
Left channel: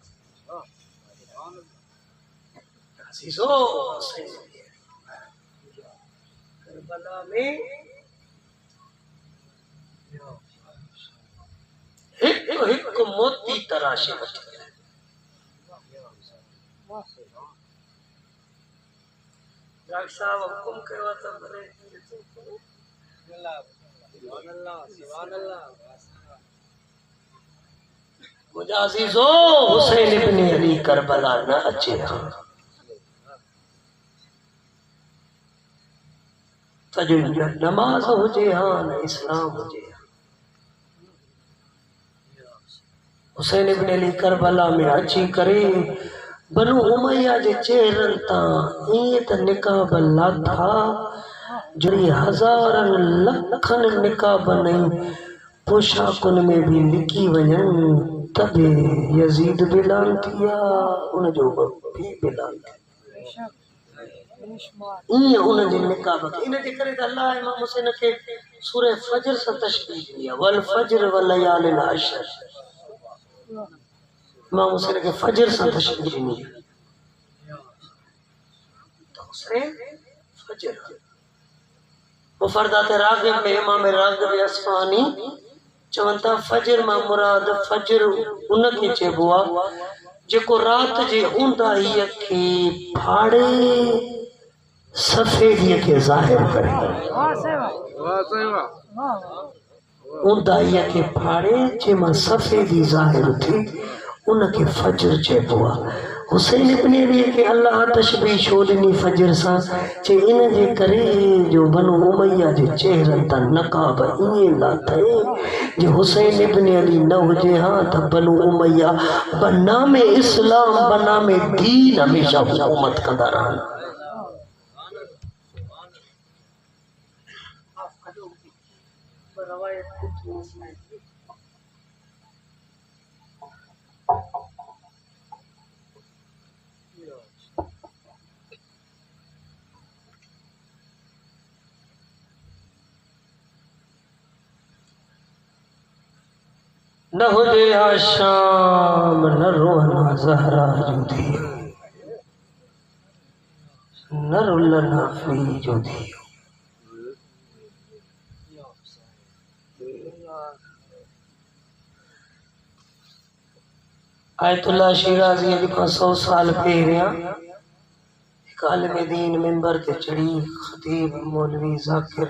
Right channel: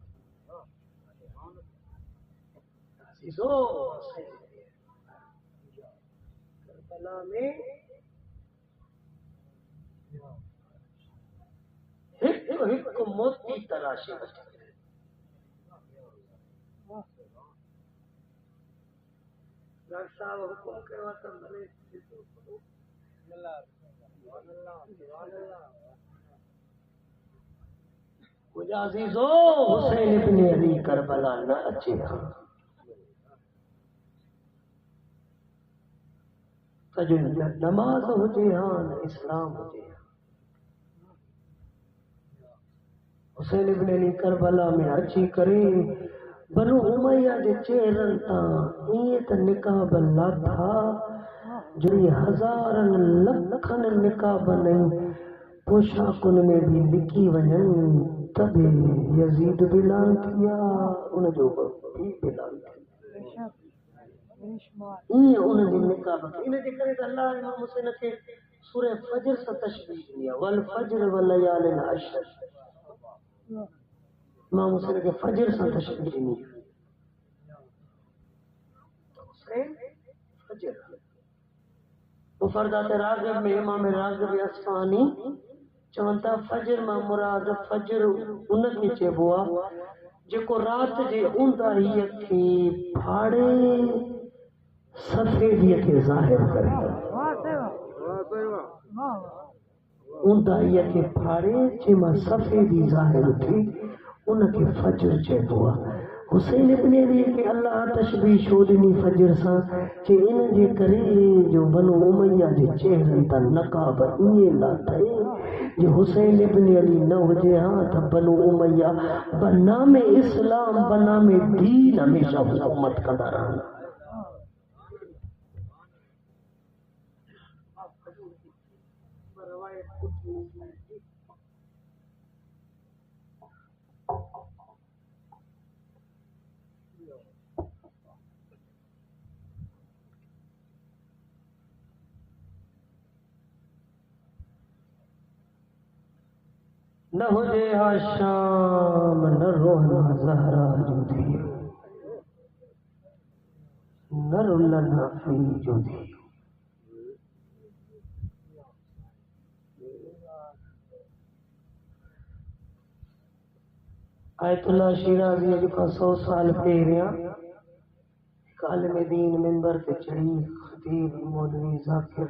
अजीजो हुसैन करबला में एक मोती तराशे वठी डॉक्टर साहब हुकुम कयो त भले मुंहिंजा अज़ीज़ो हुसैन इब्न अली करबला न अचे त जो नमाज हुजे हा न इस्लाम हुजे हुसैन इब्न अली करबला में अची करे बनु उमैया जे चेहरन ता इए त निकाब लाथा जड़ी हजारन लखन निकाब नहीं पोशाकुन में भी लिखी वञन तबे यजीद बिलान थिया उन जो भी बिलान थिया इए उन जे निकाब इन जे करे त अल्लाह इमाम हुसैन के सूरह फजर सां तशबीह दी आहे वल फजर व लयालिल अशर इमाम हुसैन के फजर से तशबीह दी तो हुसैन फजर मुफरदात रागिब में इमाम रागिब अस्फहानी चवंता फजर मां मुराद फजर उन के चइबो आ जेको रात जे ऊंदाहीअ खे फाड़े सफेदीअ खे ज़ाहिर करे ऊंदाहीअ खे फाड़े जंहिंमां सफेदी ज़ाहिर थी उनके फजर चइबो आहे हुसैन इब्न अली के अल्लाह तशबीह छो ॾिनी फजर सां चे इन जे करे जो बनु उमैया जे चेहरनि तां नकाब ईअं लाथई जे हुसैन इब्न अली न हुजे हा त बनु उमैया बनामे इस्लाम बनामे दीन हमेशा हुकूमत कंदा रहनि न हुजे शाम न रोहना ज़हरा जो दियो न रुलना फी जो दियो आयतुल्लाह शिराज़ी अॼु खां 100 साल पहिरियां हिकु आलिम दीन मिंबर ते चढ़ी ख़तीब मौलवी ज़ाकिर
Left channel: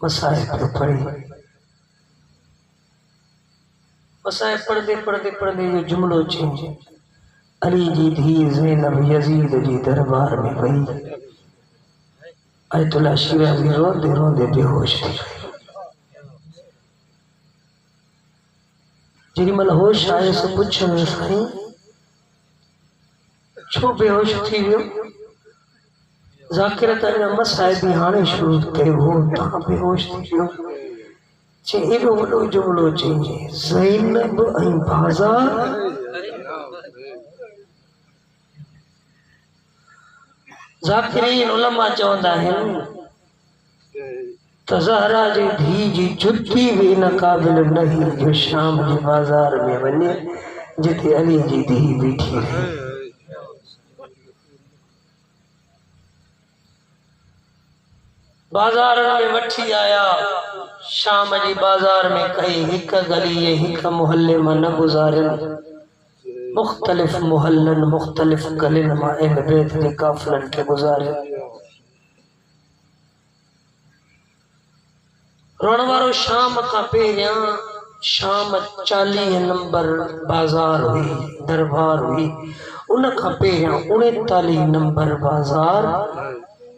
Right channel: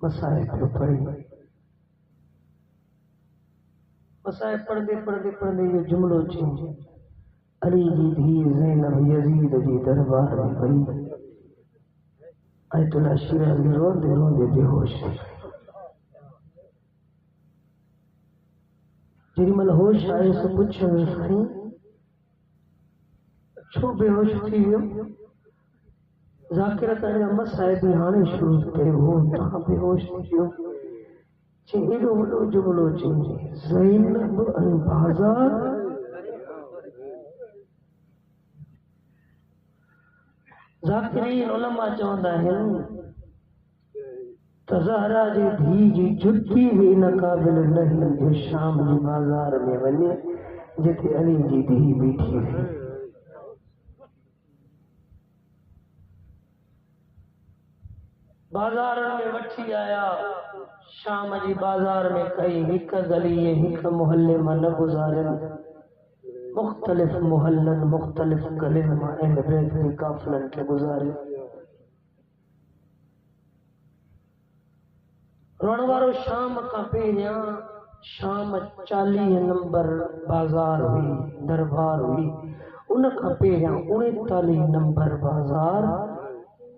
मसाइब पियो पढ़े मसाइब पढ़दे पढ़दे पढ़दे जो जुमलो चेंज अली जी धी ज़ैनब यजीद जी दरबार में वही आयतुल्लाह शिराज़ी रोंदे रोंदे बेहोश थी जेॾी महिल होश आयो सो पुछियो साईं छो बेहोश थी वियो ज़ाकिर त अञा मसाइब हाणे शुरू कयो हो तव्हां बेहोश थी वियो चे एॾो वॾो जुमिलो चइजे ज़ैनब ऐं बाज़ार ज़ाकिरीन उलमा चवंदा आहिनि त ज़हरा जी धी जी जुती बि इन क़ाबिल न हुई जो शाम जे बाज़ार में वञे जिते अली जी धी बीठी रही बाज़ार में वठी आया शाम जी बाज़ार में कई हिक गली हिक मोहल्ले में न गुज़ारियनि मुख्तलिफ मोहल्लन मुख्तलिफ गलिन मां अहल बैत के काफिलन के गुजारे। रोण वारो शाम का पहिरियां शाम 40 नंबर बाजार हुई दरबार हुई। उन खां पहिरियां 39 नंबर बाजार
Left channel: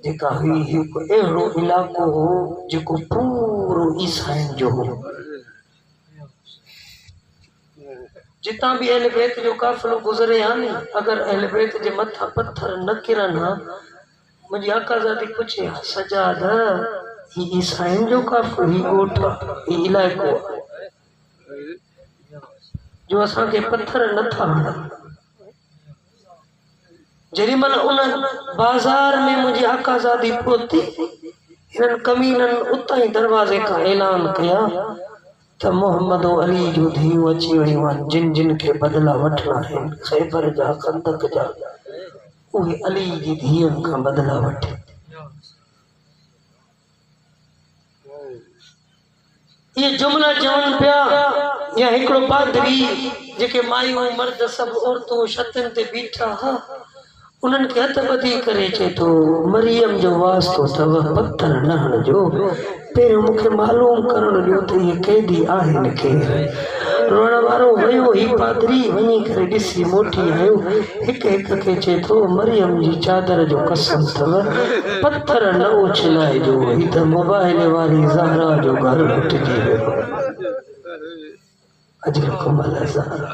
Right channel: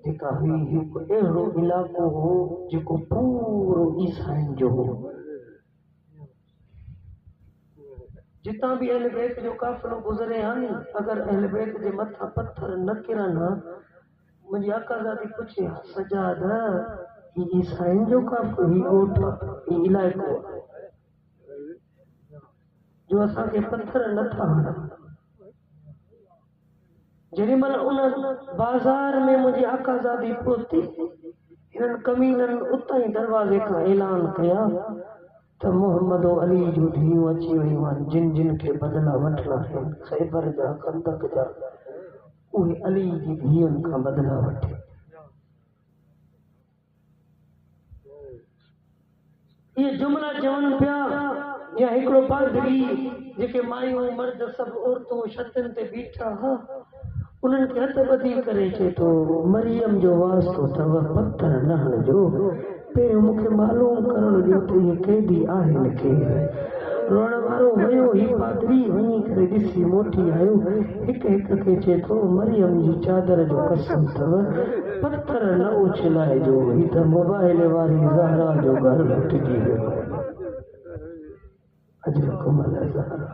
जेका हुई हिकु अहिड़ो इलाइक़ो हो जेको पूरो ईसाइन जो हो। जितां भी अहल बैत जो काफ़िलो गुज़रे हा नी, अगर अहल बैत जे मथां पत्थर न किरन हा, मुंहिंजी आकाज़ादी पुछे सजाद ही ईसाइन जो काफ़िलो ही ॻोठ ही इलाइक़ो जो असांखे पत्थर नथा हणन। जेॾी महिल उन बाज़ार में मुंहिंजी आकाज़ादी पहुती, हिननि कमीननि उतां ई दरवाज़े खां ऐलान कया त मोहम्मद अली जो धीअ अची वयूं आहिनि, जिन जिन खे बदिला वठणा आहिनि, ख़ैबर जा खंदक जा, उहे अली जी धीअनि खां बदिला वठे। ये जुमला चवनि पिया या हिकिड़ो पादरी जेके मायूं मर्द सभु औरतूं छतनि ते बीठा हा, उन्हनि खे हथ ॿधी करे चए थो मरियम जो वास्तो अथव, पत्थर न हणिजो, पहिरियों मूंखे मालूम करण ॾियो त इहे केॾी आहिनि केरु। रोअण वारो वियो, ही पादरी वञी करे ॾिसी मोटी आयो, हिक हिक खे चए थो मरियम जी चादर जो कसम अथव, पत्थर न उछलाइजो, ही त मोबाइल वारी ज़हरा जो घर लुटिजी वियो। अजरकुम अला ज़हरा।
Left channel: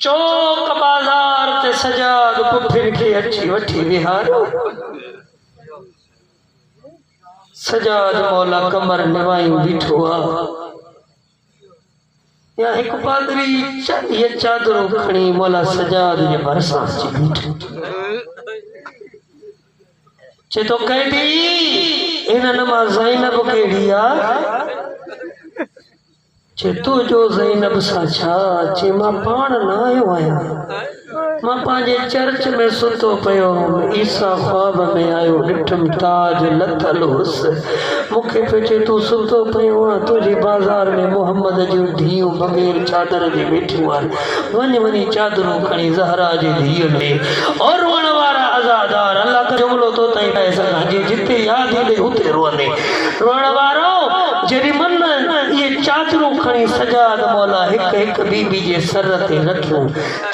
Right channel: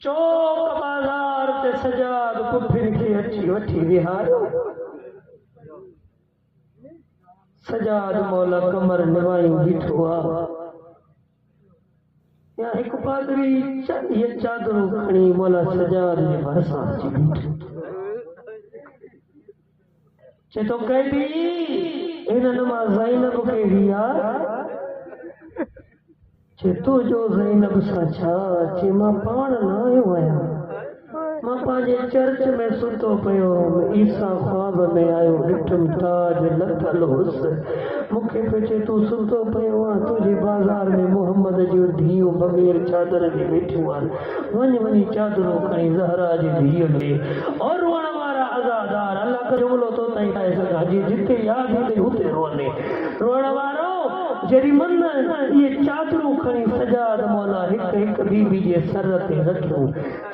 चौक बाज़ार ते सजाद पुफिर खे अची वठी विहारो। सजाद मौला कमर निवायूं बीठो आहे। या हिकु पादरी ये चादरूं खणी मौला सजाद जे भरिसां अची बीठो। चए थो कैदी हिननि मां ज़ैनब कहिड़ी आहे? चे तू जो ज़ैनब सां छा? चे मां पाण न आयो आहियां, मां पंहिंजे चर्च में सुतो पियो, ईसा ख्वाब में आयो, ॾिठमि ताज लथल हुअसि, मूंखे पियो चए तूं सुतो पियो आहे, तुंहिंजी बाज़ार में मोहम्मद जूं धीअरूं बग़ैर चादर जे वेठियूं आहिनि, वञ वञी चादरूं खणी ज़हरा जे धीअ में। और रोअण वारा अज़ादार अल्लाह का जुमिलो तो ताईं पाए सघां, जे जिते यादि ईंदे हुते रोअंदे। रोअण वारो जेॾी मन ये चादरूं खणी सजाद मौला हिक हिक बीबी जे सर ते रखियूं,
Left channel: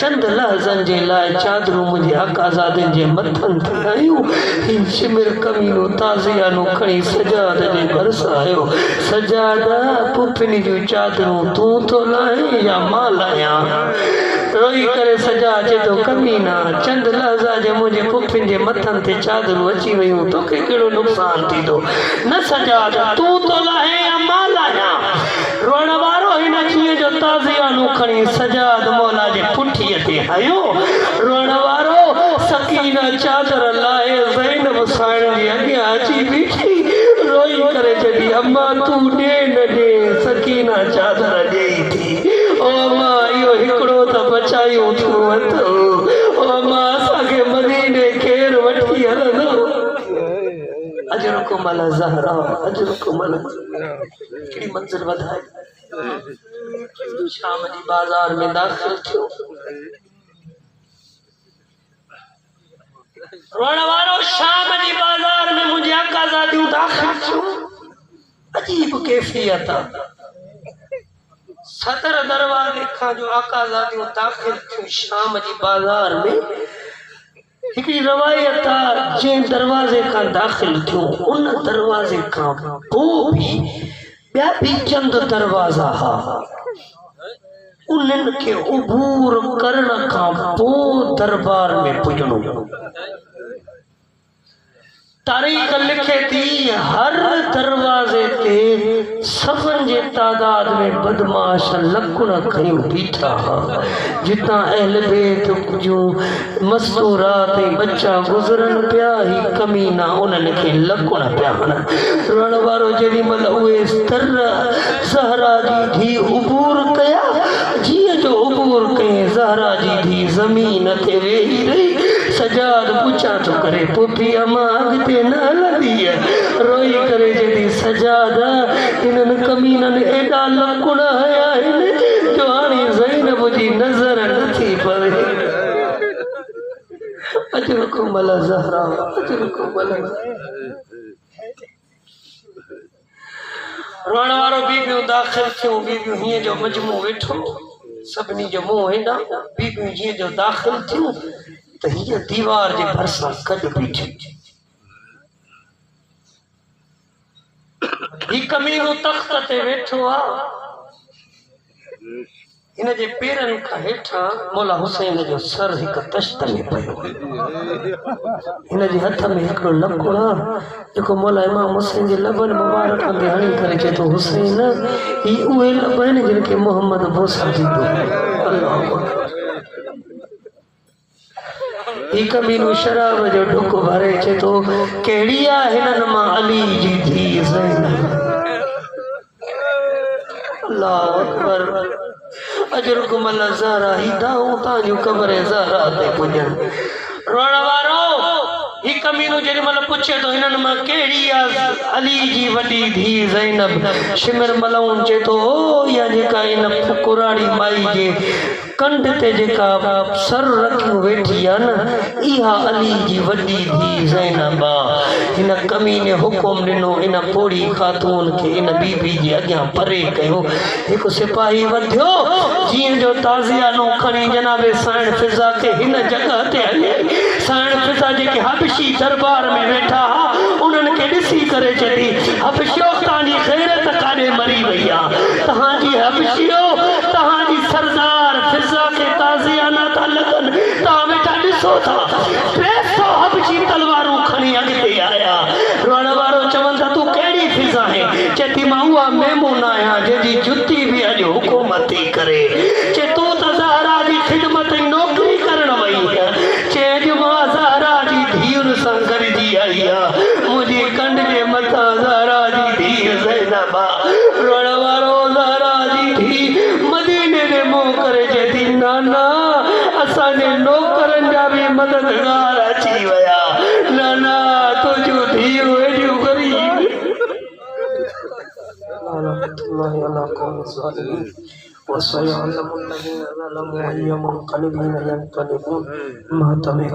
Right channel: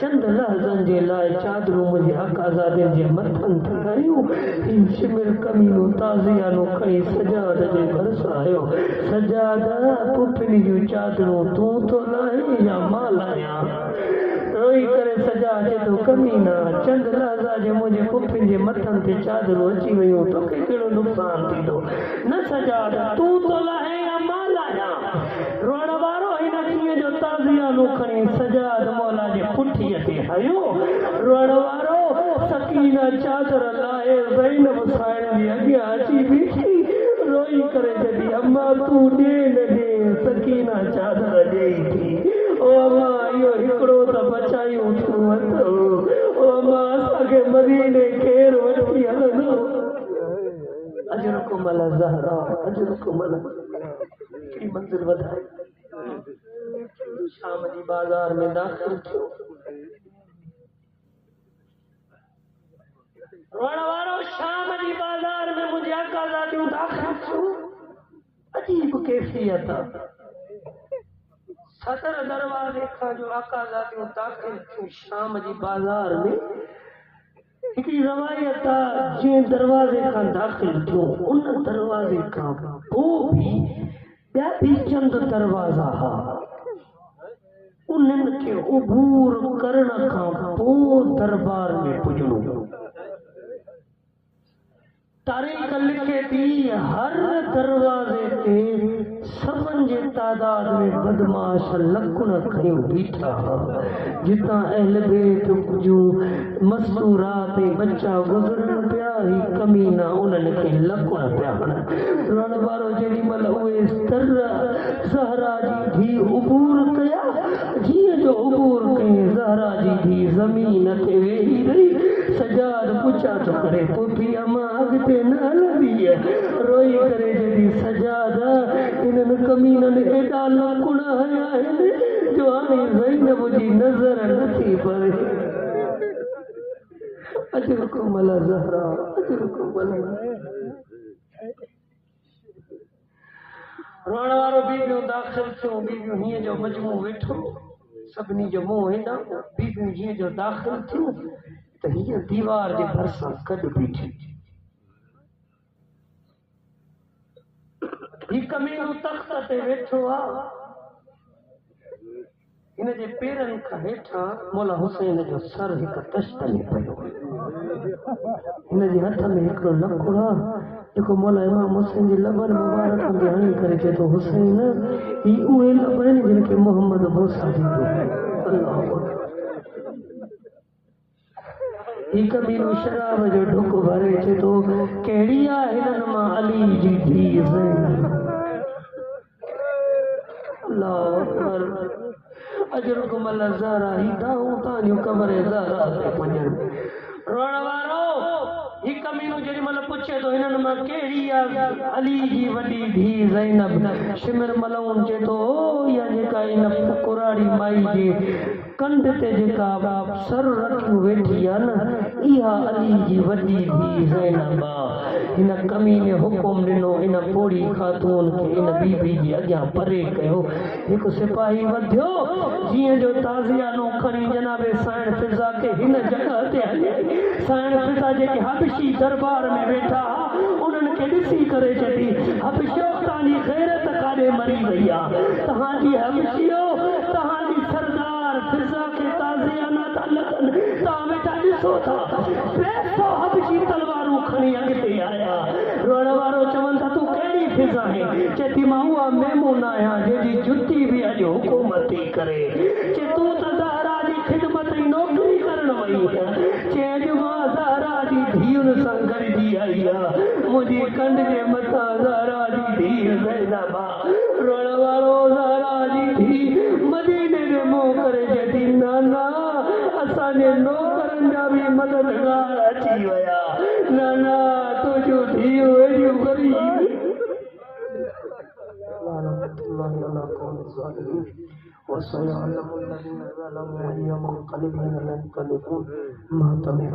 चंद लहज़नि जे लाइ चादरूं मुंहिंजे आकाज़ादियुनि जे मथनि ते आयूं। ही शिमिर कमीनो ताज़ियानो खणी सजाद जे भरिसां आयो। सजाद पुफिन जूं चादरूं तूं थो लाहे या मां लाहियां? रोई करे सजा अचे थो कमीना, चंद लहज़ा जे मुंहिंजे पुफिन जे मथनि ते चादरूं अची वियूं, तोखे कहिड़ो नुक़सान थींदो? न सजाद तूं थो लाहे या मां लाहियां? रोअण वारो हिन चीअ जो ताज़ियानो खणी सजाद मौला जे पुठीअ ते आयो। रोअण वारो सकीना चादर लाहे ज़ैनब साइण जे अॻियां अची बीठी, रोई करे चई अम्मा तूं ॾे न ॾे, सकीना चादर ॾेई थी। ओ मां इहो हिकिड़ो त बचायूं तूं वरितो, ओ मां असांखे मदीने केरु वठी हलंदो? अजरकुम अला ज़हरा, अजरकुम अला कहिड़ी मंज़िल वधाए। शाम जी बाज़ार में दाख़िल थियो। रोअण वारो शाम जी बाज़ार में मुंहिंजी आकाज़ादियूं दाख़िल थियूं। अजीब कैफ़ियत आहे। सदर दरवाज़े खां जो आकाज़ादियूं दाख़िल थियूं शाम जी बाज़ार में, हिकिड़ी रवायत आहे जंहिं दरवाज़े खां दाख़िल थियूं उन दरवाज़े खां पोइ बि ॿिया बि चंद दरवाज़ा हा, उन्हनि खे उबूर करण खां पोइ दरबार में पुॼणो। तारीख़ लिखे थी हर दरवाज़े ते सभनि जे तादाद में बदमाश लकुण खयूं बीठा हा, जितां अहल बैत जूं मस्तूरात ऐं बच्चा गुज़रनि पिया, ही कमीना उन्हनि खे लकुण पिया हणनि। रोअण वारो जेॾी महिल उहे ज़हरा जी धीउ उबूर कया, जीअं जो उबूर कयईं ज़हरा जी धीउ ज़मीन ते वेही रही। सजाद पुछा तो करे पुफी अम्मा अॻिते न हलंदी? रोई करे चई सजाद हिननि कमीननि एॾा लकुण हया आहिनि मुझी नजर नथी पवे अजर को मला ज़हरा अजर को मला रोण वारो बीबियूं दाख़िल थियूं बीबियूं हीअं जो मजमू वेठो सभिनी जो मुंहुं हेॾां बीबियूं जीअं जो दाख़िल थियूं त हीअ दीवार जे भरिसां गॾु बीठी ही कमीनो तख़्त ते वेठो आहे इन जे पेरनि खां हेठां मौला हुसैन जो सर हिकु तश्त में पियो हिन जे हथ में हिकिड़ो लकुड़ आहे जेको मौला इमाम हुसैन जे लबनि मुबारक ते हणी करे चए थो हुसैन ही उहे लब आहिनि जिन खे मोहम्मद बोसा ॾींदो ही कमीनो शराब जो ढुक भरे चए थो कहिड़ी आहे हिननि मां अली जी धीउ ज़ैनब अल्लाह अकबर अजरकुम अल्लाह ज़हरा ही दाऊं ताजू कब्र ज़हरा ते पुजन रोण वारो ही कमीनो जेॾी महिल पुछे थो हिननि मां कहिड़ी आहे अली जी वॾी धीउ ज़ैनब शिमिर मलऊं चए थो इहा जेका इन फुकुराड़ी माई जे कंध ते जेका सर रखी वेठी आहे न इहा अली जी वॾी धीउ ज़ैनब आहे हिन कमीने हुकुम ॾिनो इन पोड़ी ख़ातून खे इन बीबी जे अॻियां परे कयो हिकु सिपाही वधियो जीअं जो ताज़ियानो खणी जनाबे साइण फिज़ा खे हिन जॻह ते हले साइण फिज़ा जेके हबशी दरबार में वेठा उन्हनि खे ॾिसी करे चई हबशियो तव्हांजी ग़ैरत काॾे मरी वई आहे तव्हांजी हबशियो तव्हांजी सरदार फिज़ा खे ताज़ियाना था लॻनि तव्हां वेठा ॾिसो था 300 हबशी तलवारूं खणी अॻिते आया रोअण वारो चवनि था तूं कहिड़ी फिज़ा आहे चए थी मां उहा मेमून आहियां जंहिंजी जुती बि अॼु हुकूमत थी करे चए तूं त ज़हरा जी ख़िदमत जी नौकरी करण वई चए अॼु मां ज़हरा जी धीउनि सां गॾिजी आई आहे मुंहिंजी कंड जे मथां ज़हरा जी धीउ ज़ैनब आहे रोअण वारो ज़हरा जी धीउ मदीने में मुंहुं करे चए थी नाना असांजे नौकरनि जा बि मददगार अची विया नाना तुंहिंजूं धीउ एॾियूं ग़रीब وسيعلم الذين ظلموا أي منقلب ينقلبون ما تميح